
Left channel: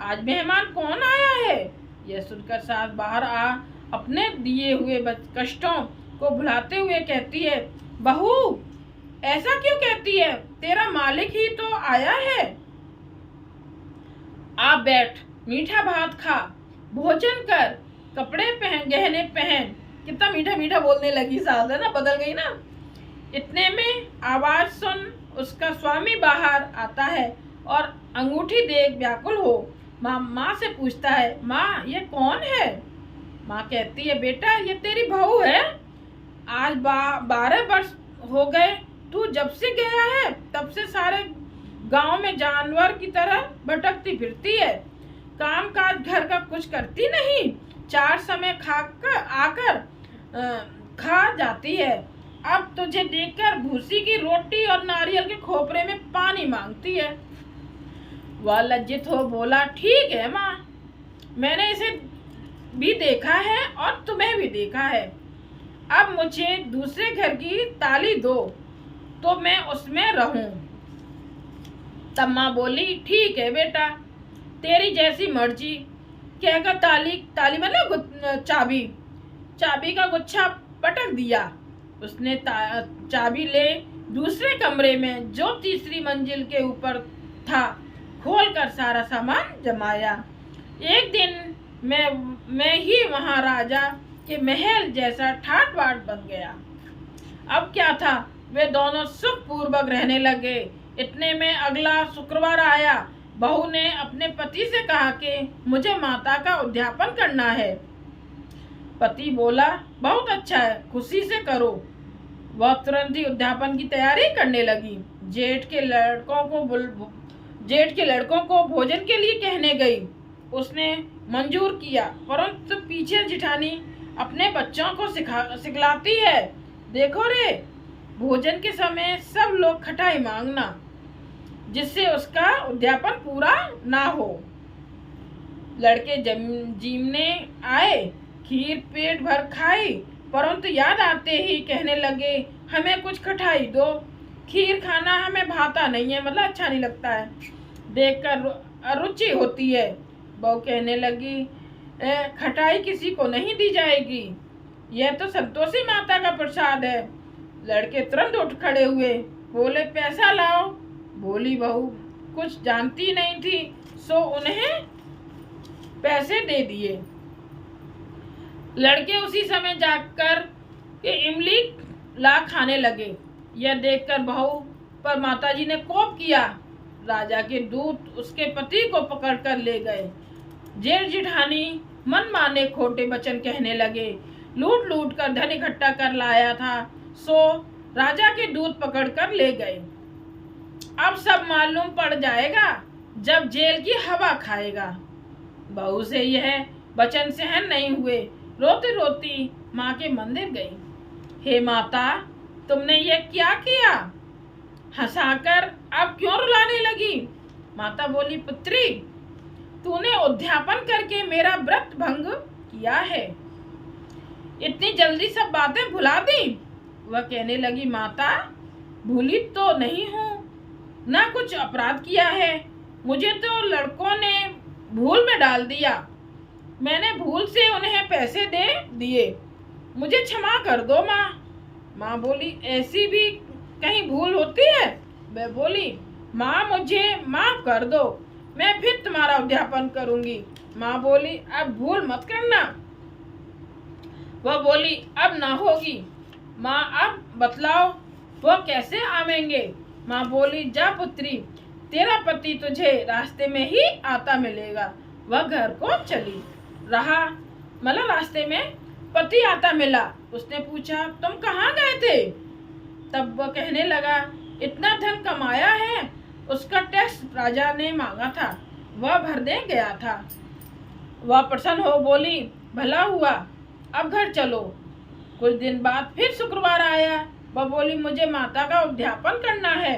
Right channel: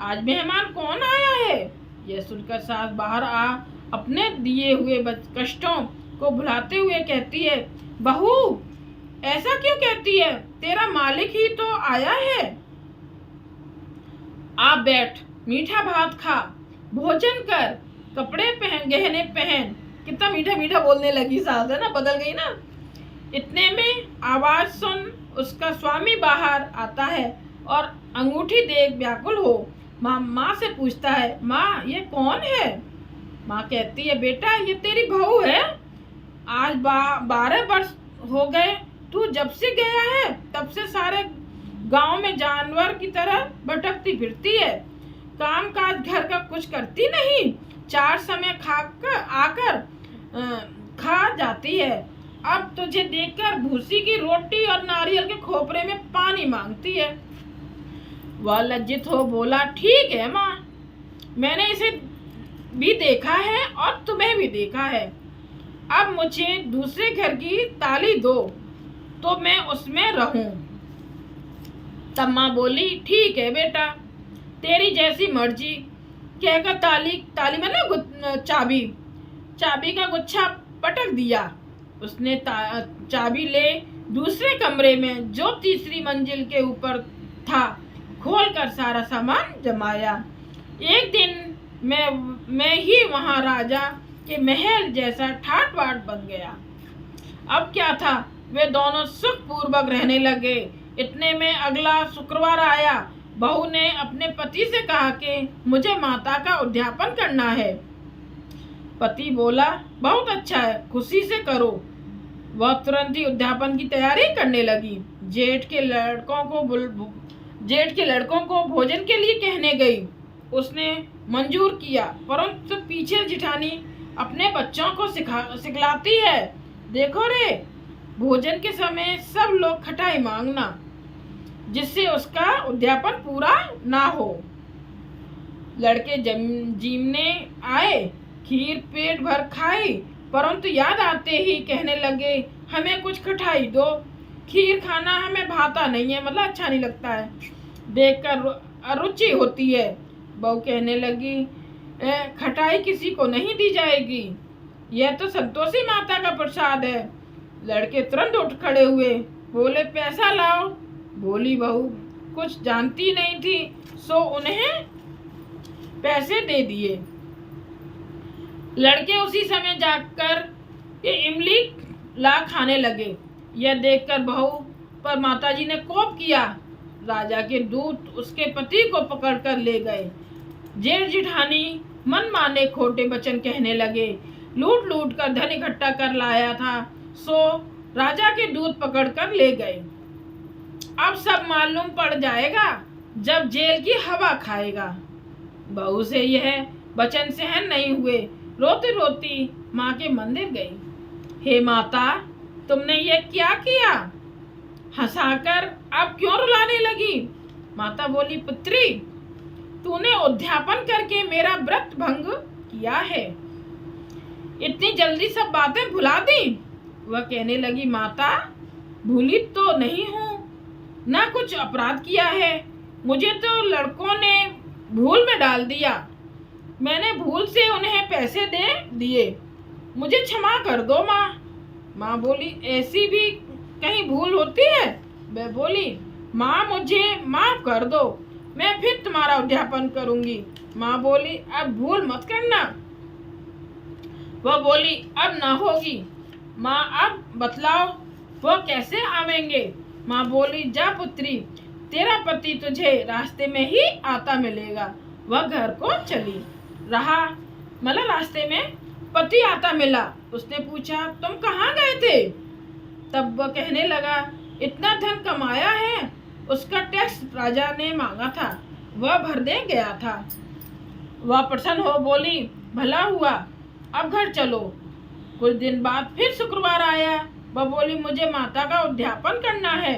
आज मेहमान कौन आया है? यह सुनकर सास बाहर आ अपने दिए हुए कष्टों को भुलाते हुए कहती है, बहू ऐसा क्यों कहती है? तेरा मालिक ही तो आया है। आप बैठ, मीठा भात खा, भोजन कर, कपड़े पहन, गहने पहन। कितना मीठा मीठा बोलने लगी सास, है ना, बदल गई ना। इतने में आवाज सुन उसका स्वामी बाहर आता है और अंगूठी देख व्याकुल हो माँ से पूछता है, माँ ये कौन है? माँ कहती है, बेटा ये तेरी बहू है। आज 12 वर्ष हो गए तू जब से गया है, तब से सारे गांव में जानवर की तरह भटकती फिरती है, काम काज घर का कुछ करती नहीं, 4 समय खाकर आकर खा जाती है। अब तुझे देखकर भूसी की रोटी और नारियल के खोपरे में पानी मांगती है। वह लज्जित हो बोला, ठीक है माँ, मैंने इसे भी देखा है और तुम्हें भी देखा है। अब मुझे दूसरे घर की ताली दो तो मैं उसमें रहूं। तब माँ बोली, ठीक है बेटा, तेरी जैसी मर्जी। कहकर ताली मतलब चाबी का गुच्छा पटक दिया। उसने चाबी ले दूसरे कमरे में जो तीसरी मंजिल के ऊपर था खोलकर सारा सामान जमाया। एक दिन मैं ही वहां राजा के महल जैसा ठाट बाट बन गया। अब क्या था, वे दोनों सुख पूर्वक रहने लगे। इतने में अगला शुक्रवार आया। बहू ने अपने पति से कहा कि मुझे माता का उद्यापन करना है। पति बोला, बहुत अच्छा है, खुशी से करो। वह तुरंत ही उद्यापन की तैयारी करने लगी। जेठ के लड़कों को भोजन के लिए कहने गई। उसने मंजूर किया, परंतु पीछे जिठानी अपने बच्चों को सिखलाती है, देखो रे, भोजन के समय सब लोग खटाई मांगना, जिससे उसका उद्यापन पूरा ना हो। लड़के जीमने आए, खीर पेट भर खाई, परंतु याद आते ही कहने लगे, हमें कुछ खटाई दो, खीर खाना हमें भाता नहीं है, मतलब अच्छा नहीं लगता है, देखकर अरुचि होती है। बहू कहने लगी, खटाई किसी को नहीं दी जाएगी, यह तो संतोषी माता का प्रसाद है। लड़के तुरंत उठ खड़े हुए, बोले, पैसा लाओ। बोली बहू कुछ जानती नहीं थी, सो उन्हें पैसे दे दिए। लड़के उसी समय जाकर इमली ला खाने लगे। यह देखकर बहू पर माताजी ने कोप किया। राजा के दूत उसके पति को पकड़कर ले गए। जेठ जिठानी मन माने खोटे वचन कहने लगे। लूट लूट कर धन इकट्ठा कर लाया था, सो राजा के दूत पकड़कर ले गए। अब सब मालूम पड़ जाएगा जब जेल की हवा खाएगा। बहू से यह वचन सहन नहीं हुए। रोती रोती माँ के मंदिर गई। हे माता, तुमने यह क्या किया? हंसाकर अब क्यों रुलाने लगी? माता बोली, पुत्री, तूने उद्यापन करके मेरा व्रत भंग किया है, इतनी जल्दी सब बातें भुला दी। वह कहने लगी, माता, भूली तो नहीं हूँ, ना कुछ अपराध किया है, मुझे तो लड़कों ने भूल में डाल दिया, मैंने भूल से उन्हें पैसे दे दिए, मुझे क्षमा कर दो माँ। माँ बोली, ऐसी भी कहीं भूल होती है? वह बोली, माँ, मुझे माफ कर दो, मैं फिर तुम्हारा उद्यापन करूंगी। माँ बोली, अब भूल मत करना। वह बोली, अब ना होगी। माँ, अब बतलाओ वह कैसे आवेंगे? माँ बोली, जा पुत्री, तेरा पति तुझे रास्ते में ही आता मिलेगा। वह घर को चली रहा, मतलब रास्ते में पति आता मिला। उसने पूछा, तुम कहाँ गए थे? तब वह कहने लगा, इतना धन कमाया है, उसका टैक्स राजा ने मांगा था, वह भरने गया था। वह प्रसन्न हो बोली, भला हुआ, अब घर चलो। कुछ दिन बाद फिर शुक्रवार आया। वह बोली, मुझे माता का उद्यापन करना है।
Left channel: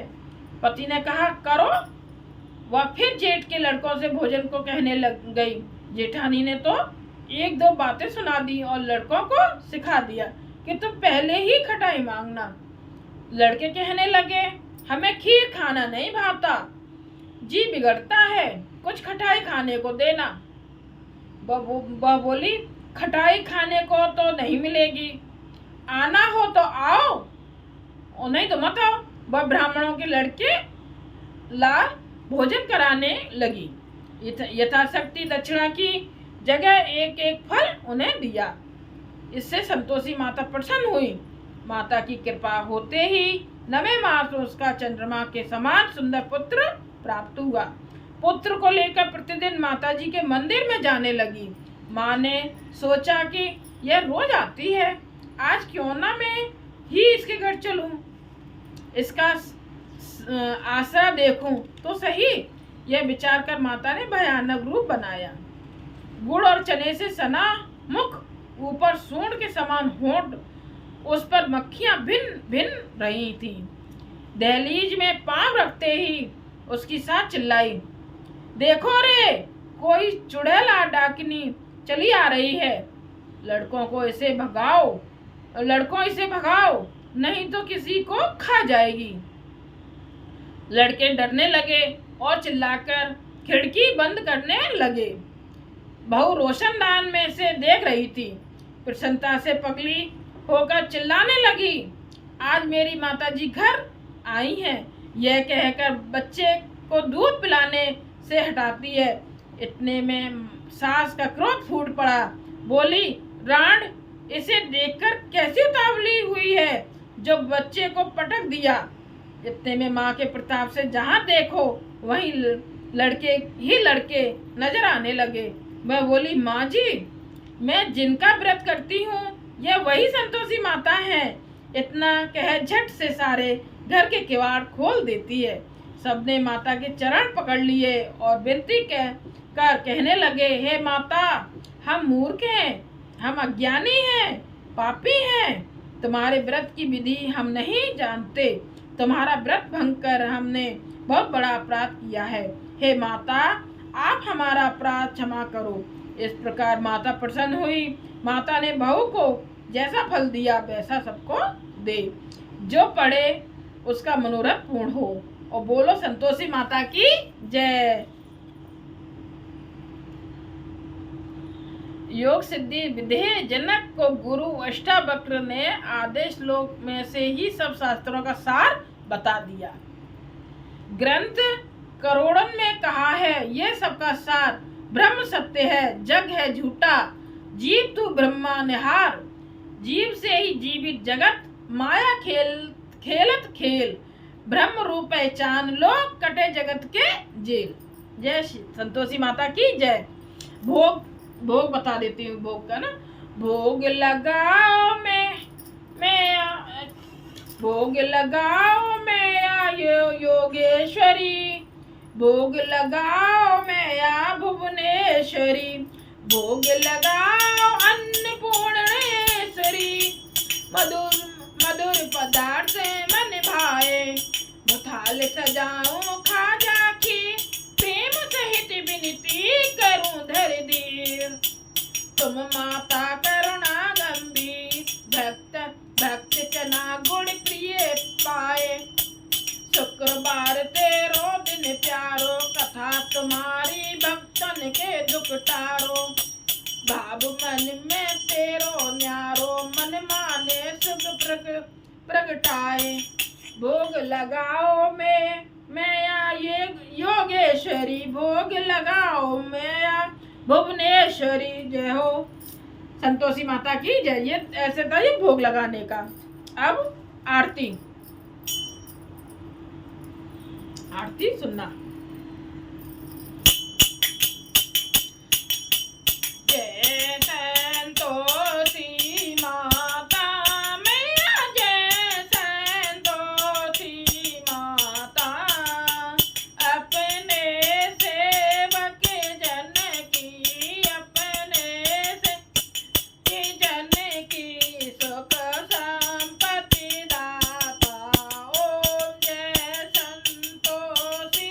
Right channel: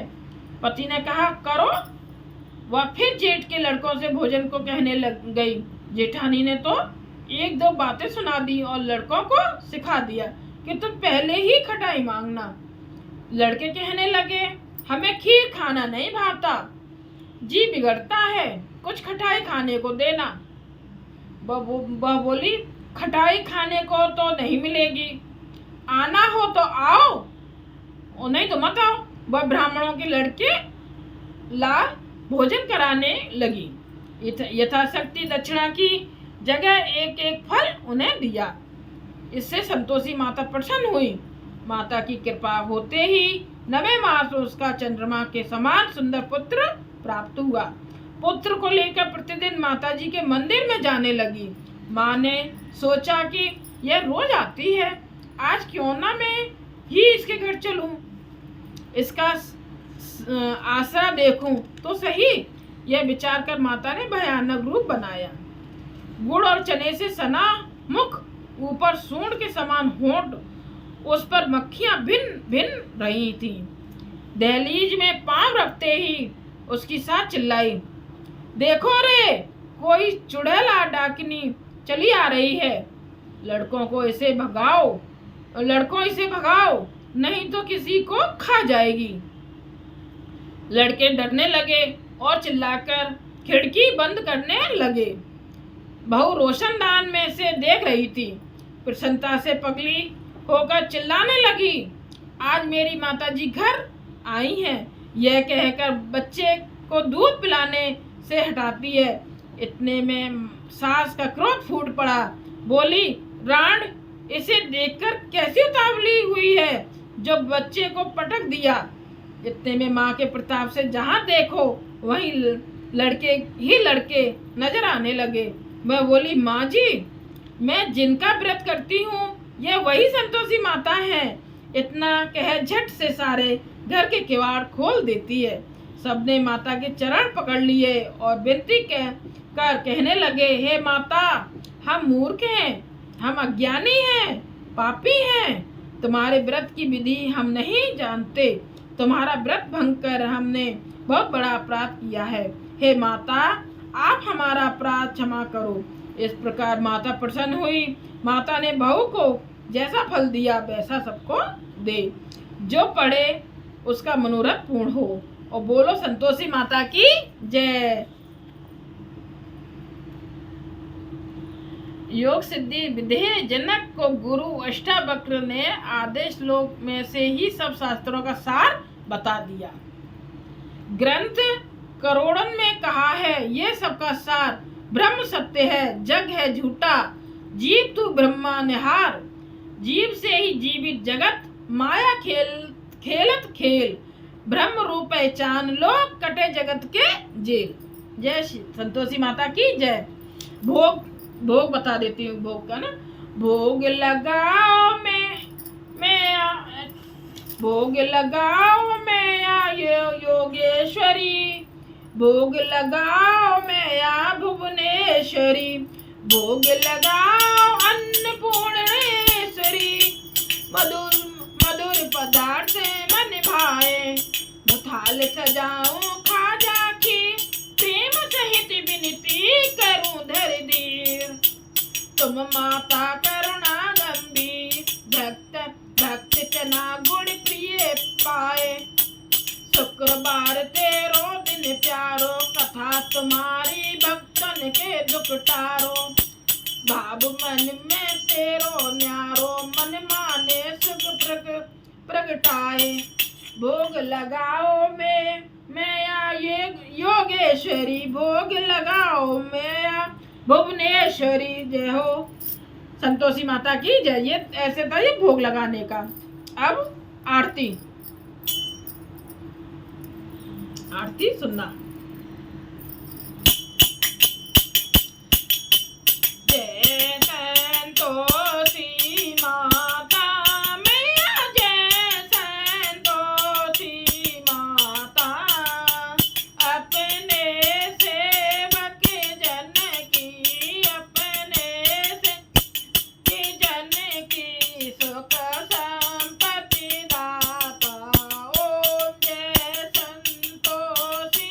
पति ने कहा, करो। वह फिर जेठ के लड़कों से भोजन को कहने लग गई। जेठानी ने तो एक दो बातें सुना दी और लड़कों को सिखा दिया कि तुम पहले ही खटाई मांगना। लड़के कहने लगे, हमें खीर खाना नहीं भाता, जी बिगड़ता है, कुछ खटाई खाने को देना। वह बोली, खटाई खाने को तो नहीं मिलेगी, आना हो तो आओ और नहीं तो मत आओ। वह ब्राह्मणों के लड़के ला भोजन कराने लगी। यथाशक्ति दक्षिणा की जगह एक एक फल उन्हें दिया। इससे संतोषी माता प्रसन्न हुई। माता की कृपा होते ही 9वें मास उसका चंद्रमा के समान सुंदर पुत्र प्राप्त हुआ। पुत्र को लेकर प्रतिदिन माताजी के मंदिर में जाने लगी। माँ ने सोचा कि यह रोज आती है, आज क्यों ना मैं ही इसके घर चलूं, इसका आसरा देखूं तो सही। यह विचार कर माता ने भयानक रूप बनाया। गुड़ और चने से सना मुख ऊपर सूंड के समान होंठ, उस पर मक्खियां भिन भिन रही थीं। दहलीज में पांव रखते ही उसकी सास चिल्लाई, देखो रे, कोई चुड़ैल डाकिनी चली आ रही है। लड़कों इसे भगाओ, नहीं तो किसी को खा जाएगी। लड़के डरने लगे और चिल्लाकर खिड़की बंद करने लगे। बहू रोशनदान में से देख रही थी। प्रसन्नता से पगली होकर चिल्लाने लगी, आज मेरी माताजी घर आई हैं। यह कहकर बच्चे को दूध पिलाने से हटाती है। इतने में सास का क्रोध फूट पड़ा। बोली, रांड, इसे देखकर कैसी उतावली हुई है जो बच्चे को पटक दिया। इतने में माँ के प्रताप से जहाँ देखो वहीं लड़के नजर आने लगे। वह बोली, माँ जी, मैं जिनका व्रत करती हूँ यह वही संतोषी माता है। इतना कह झट से सारे घर के किवाड़ खोल देती है। सबने माता के चरण पकड़ लिए और विनती कर कहने लगे, हे माता, हम मूर्ख हैं, हम अज्ञानी हैं, पापी हैं। तुम्हारे व्रत की विधि हम नहीं जानते। तुम्हारा व्रत भंग कर हमने बहुत बड़ा अपराध किया है। हे माता, आप हमारा अपराध क्षमा करो। इस प्रकार माता प्रसन्न हुई। माता ने बहू को जैसा फल दिया वैसा सबको दे। जो पढ़े उसका मनोरथ पूर्ण हो। और बोलो संतोषी माता की जय। योग सिद्धि विधेय जनक को गुरु अष्टावक्र ने आधे श्लोक में से ही सब शास्त्रों का सार बता दिया। ग्रंथ करोड़ों में कहा है, ये सबका सार ब्रह्म सत्य है, जग है झूठा, जीव तू ब्रह्मा निहार। जीव से ही जीवित जगत, माया खेलत खेल, ब्रह्म रूप पहचान लो, कटे जगत के जेल। जय संतोषी माता की जय। भोग बता देती हूँ भोग का ना। भोग लगाओ मैं योगेश्वरी, भोग लगाओ मैं भुवनेश्वरी, भोग लगाओ अन्नपूर्णेश्वरी। मधुर पदार्थ मन भाए, थाल सजाऊं खाजा की, प्रेम सहित विनती करूं धर दीर। तुम माता करुणा गंभीर, भक्त चना गुड़ प्रिय पाए। शुक्रवार तेरो दिन प्यारो, कथा तुम्हारी भक्तन के दुख टारो। भाव मन में तेरो न्यारो, मन माने सुख प्रगटाए। भोग लगाओ मैं योगेश्वरी, भोग लगाओ मैं भुवनेश्वरी। जय हो संतोषी माता की जय। ये ऐसे था ये भोग लगाने का। अब आरती सुनना। जय संतोषी माता मैया, जय संतोषी माता। अपने सेवक जन की, अपने से जन की सुख संपत्ति दाता। ओम जय संतोषी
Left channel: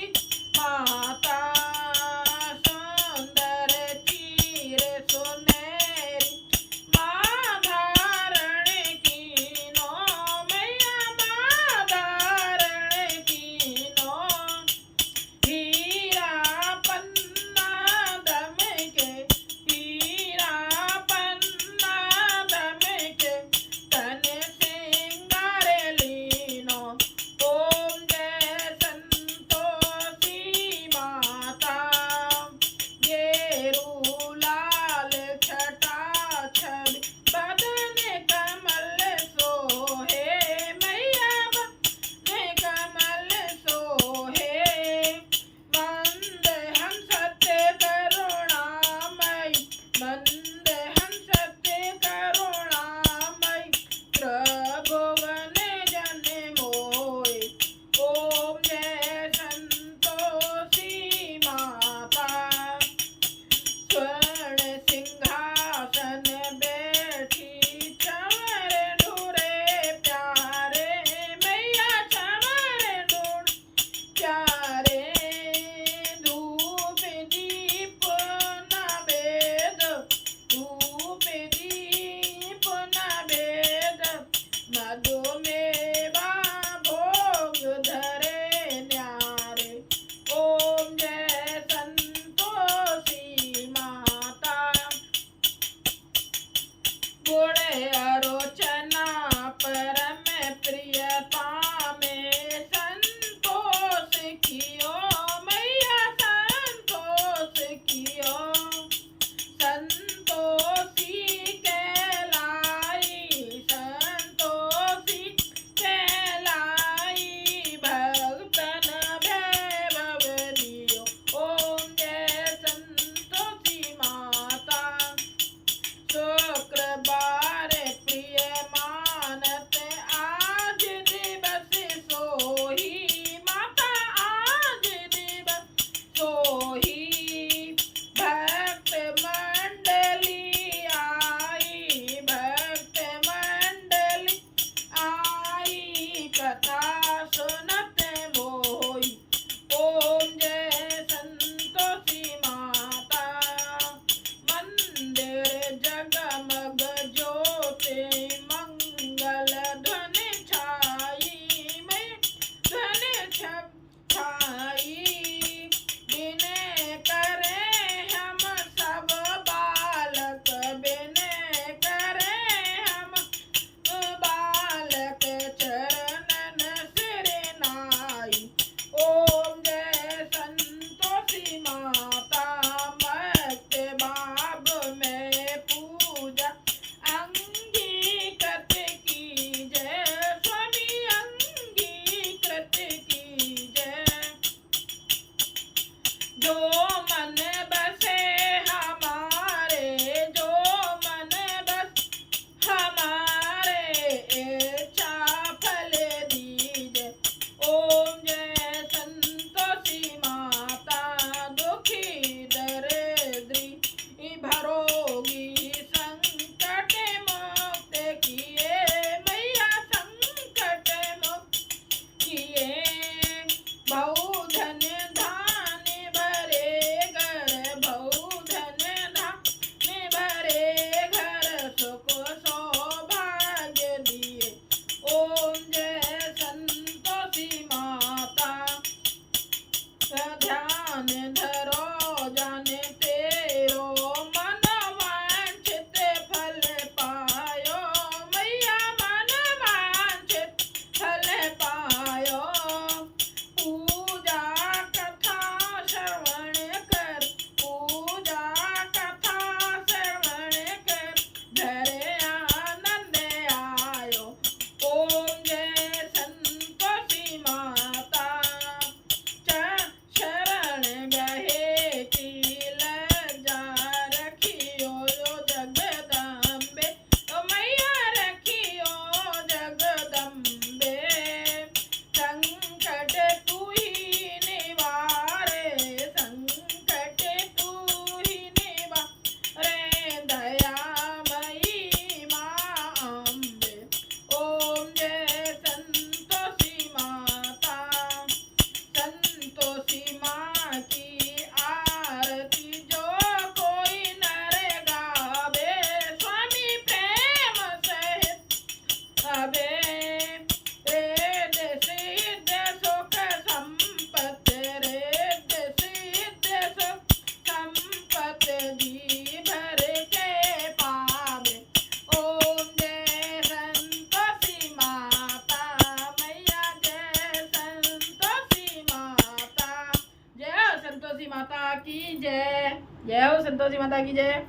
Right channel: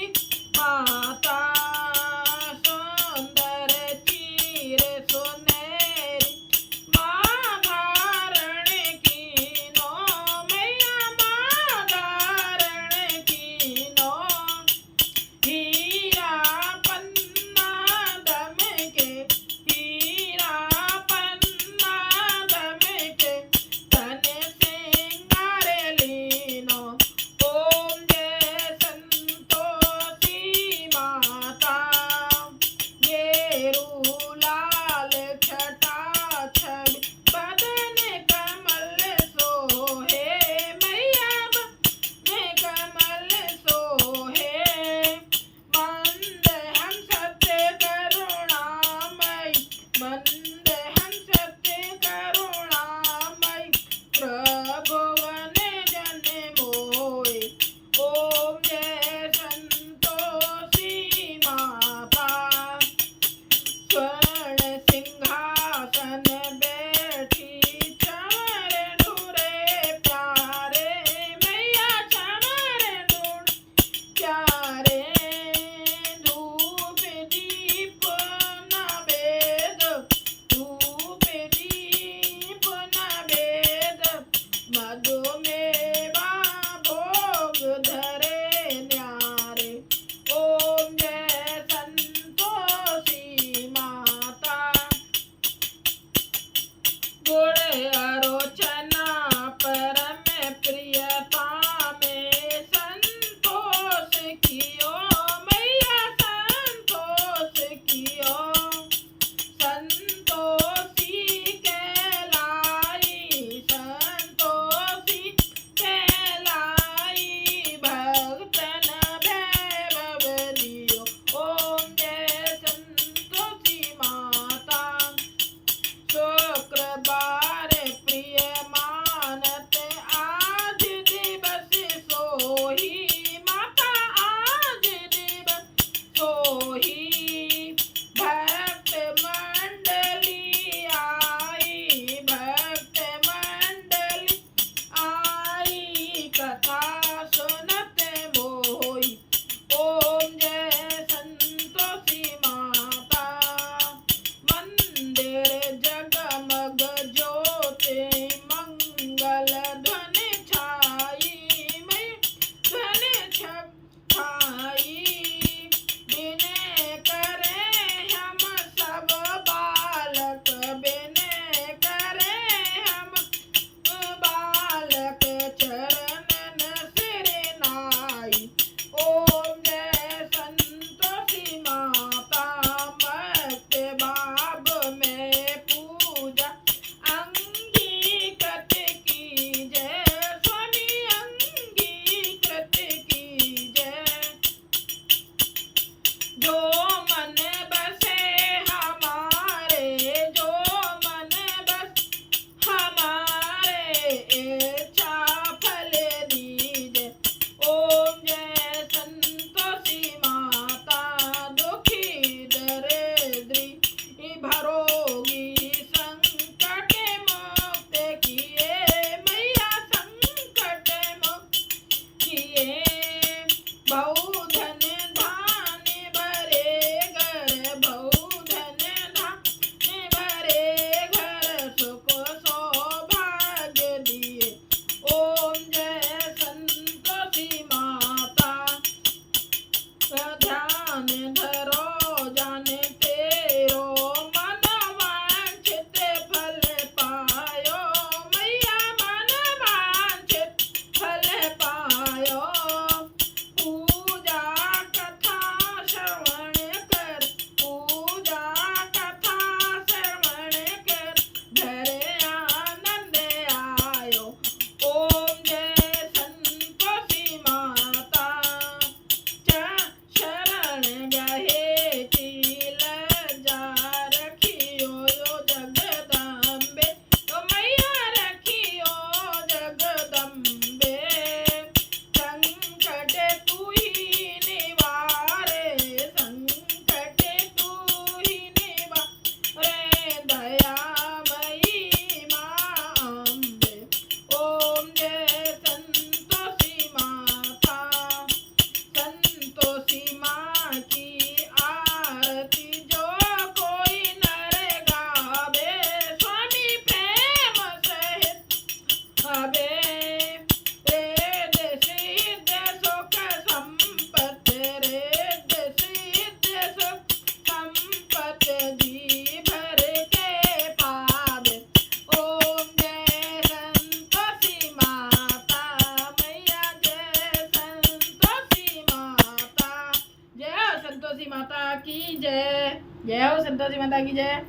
जय। जय हो संतोषी माता की जय।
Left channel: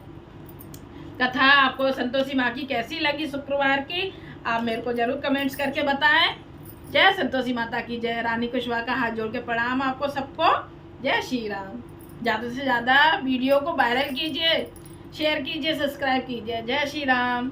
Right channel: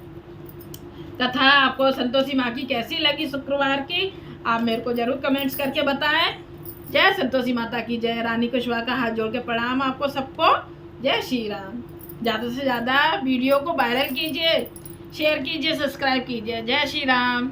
कथा आपको संतोषी माँ की कैसी लगी शुक्रवार की, आप मेरे को जरूर कमेंट्स करके बताएं। जय संतोषी माता की जय। रानी कुशवाहा का हाथ जोड़ के प्रणाम आपको सबको। जय श्री राम। ज़्यादा से ज़्यादा वीडियो को वायरल कीजिए, शेयर कीजिए, सब्सक्राइब कीजिए। जय श्री राम।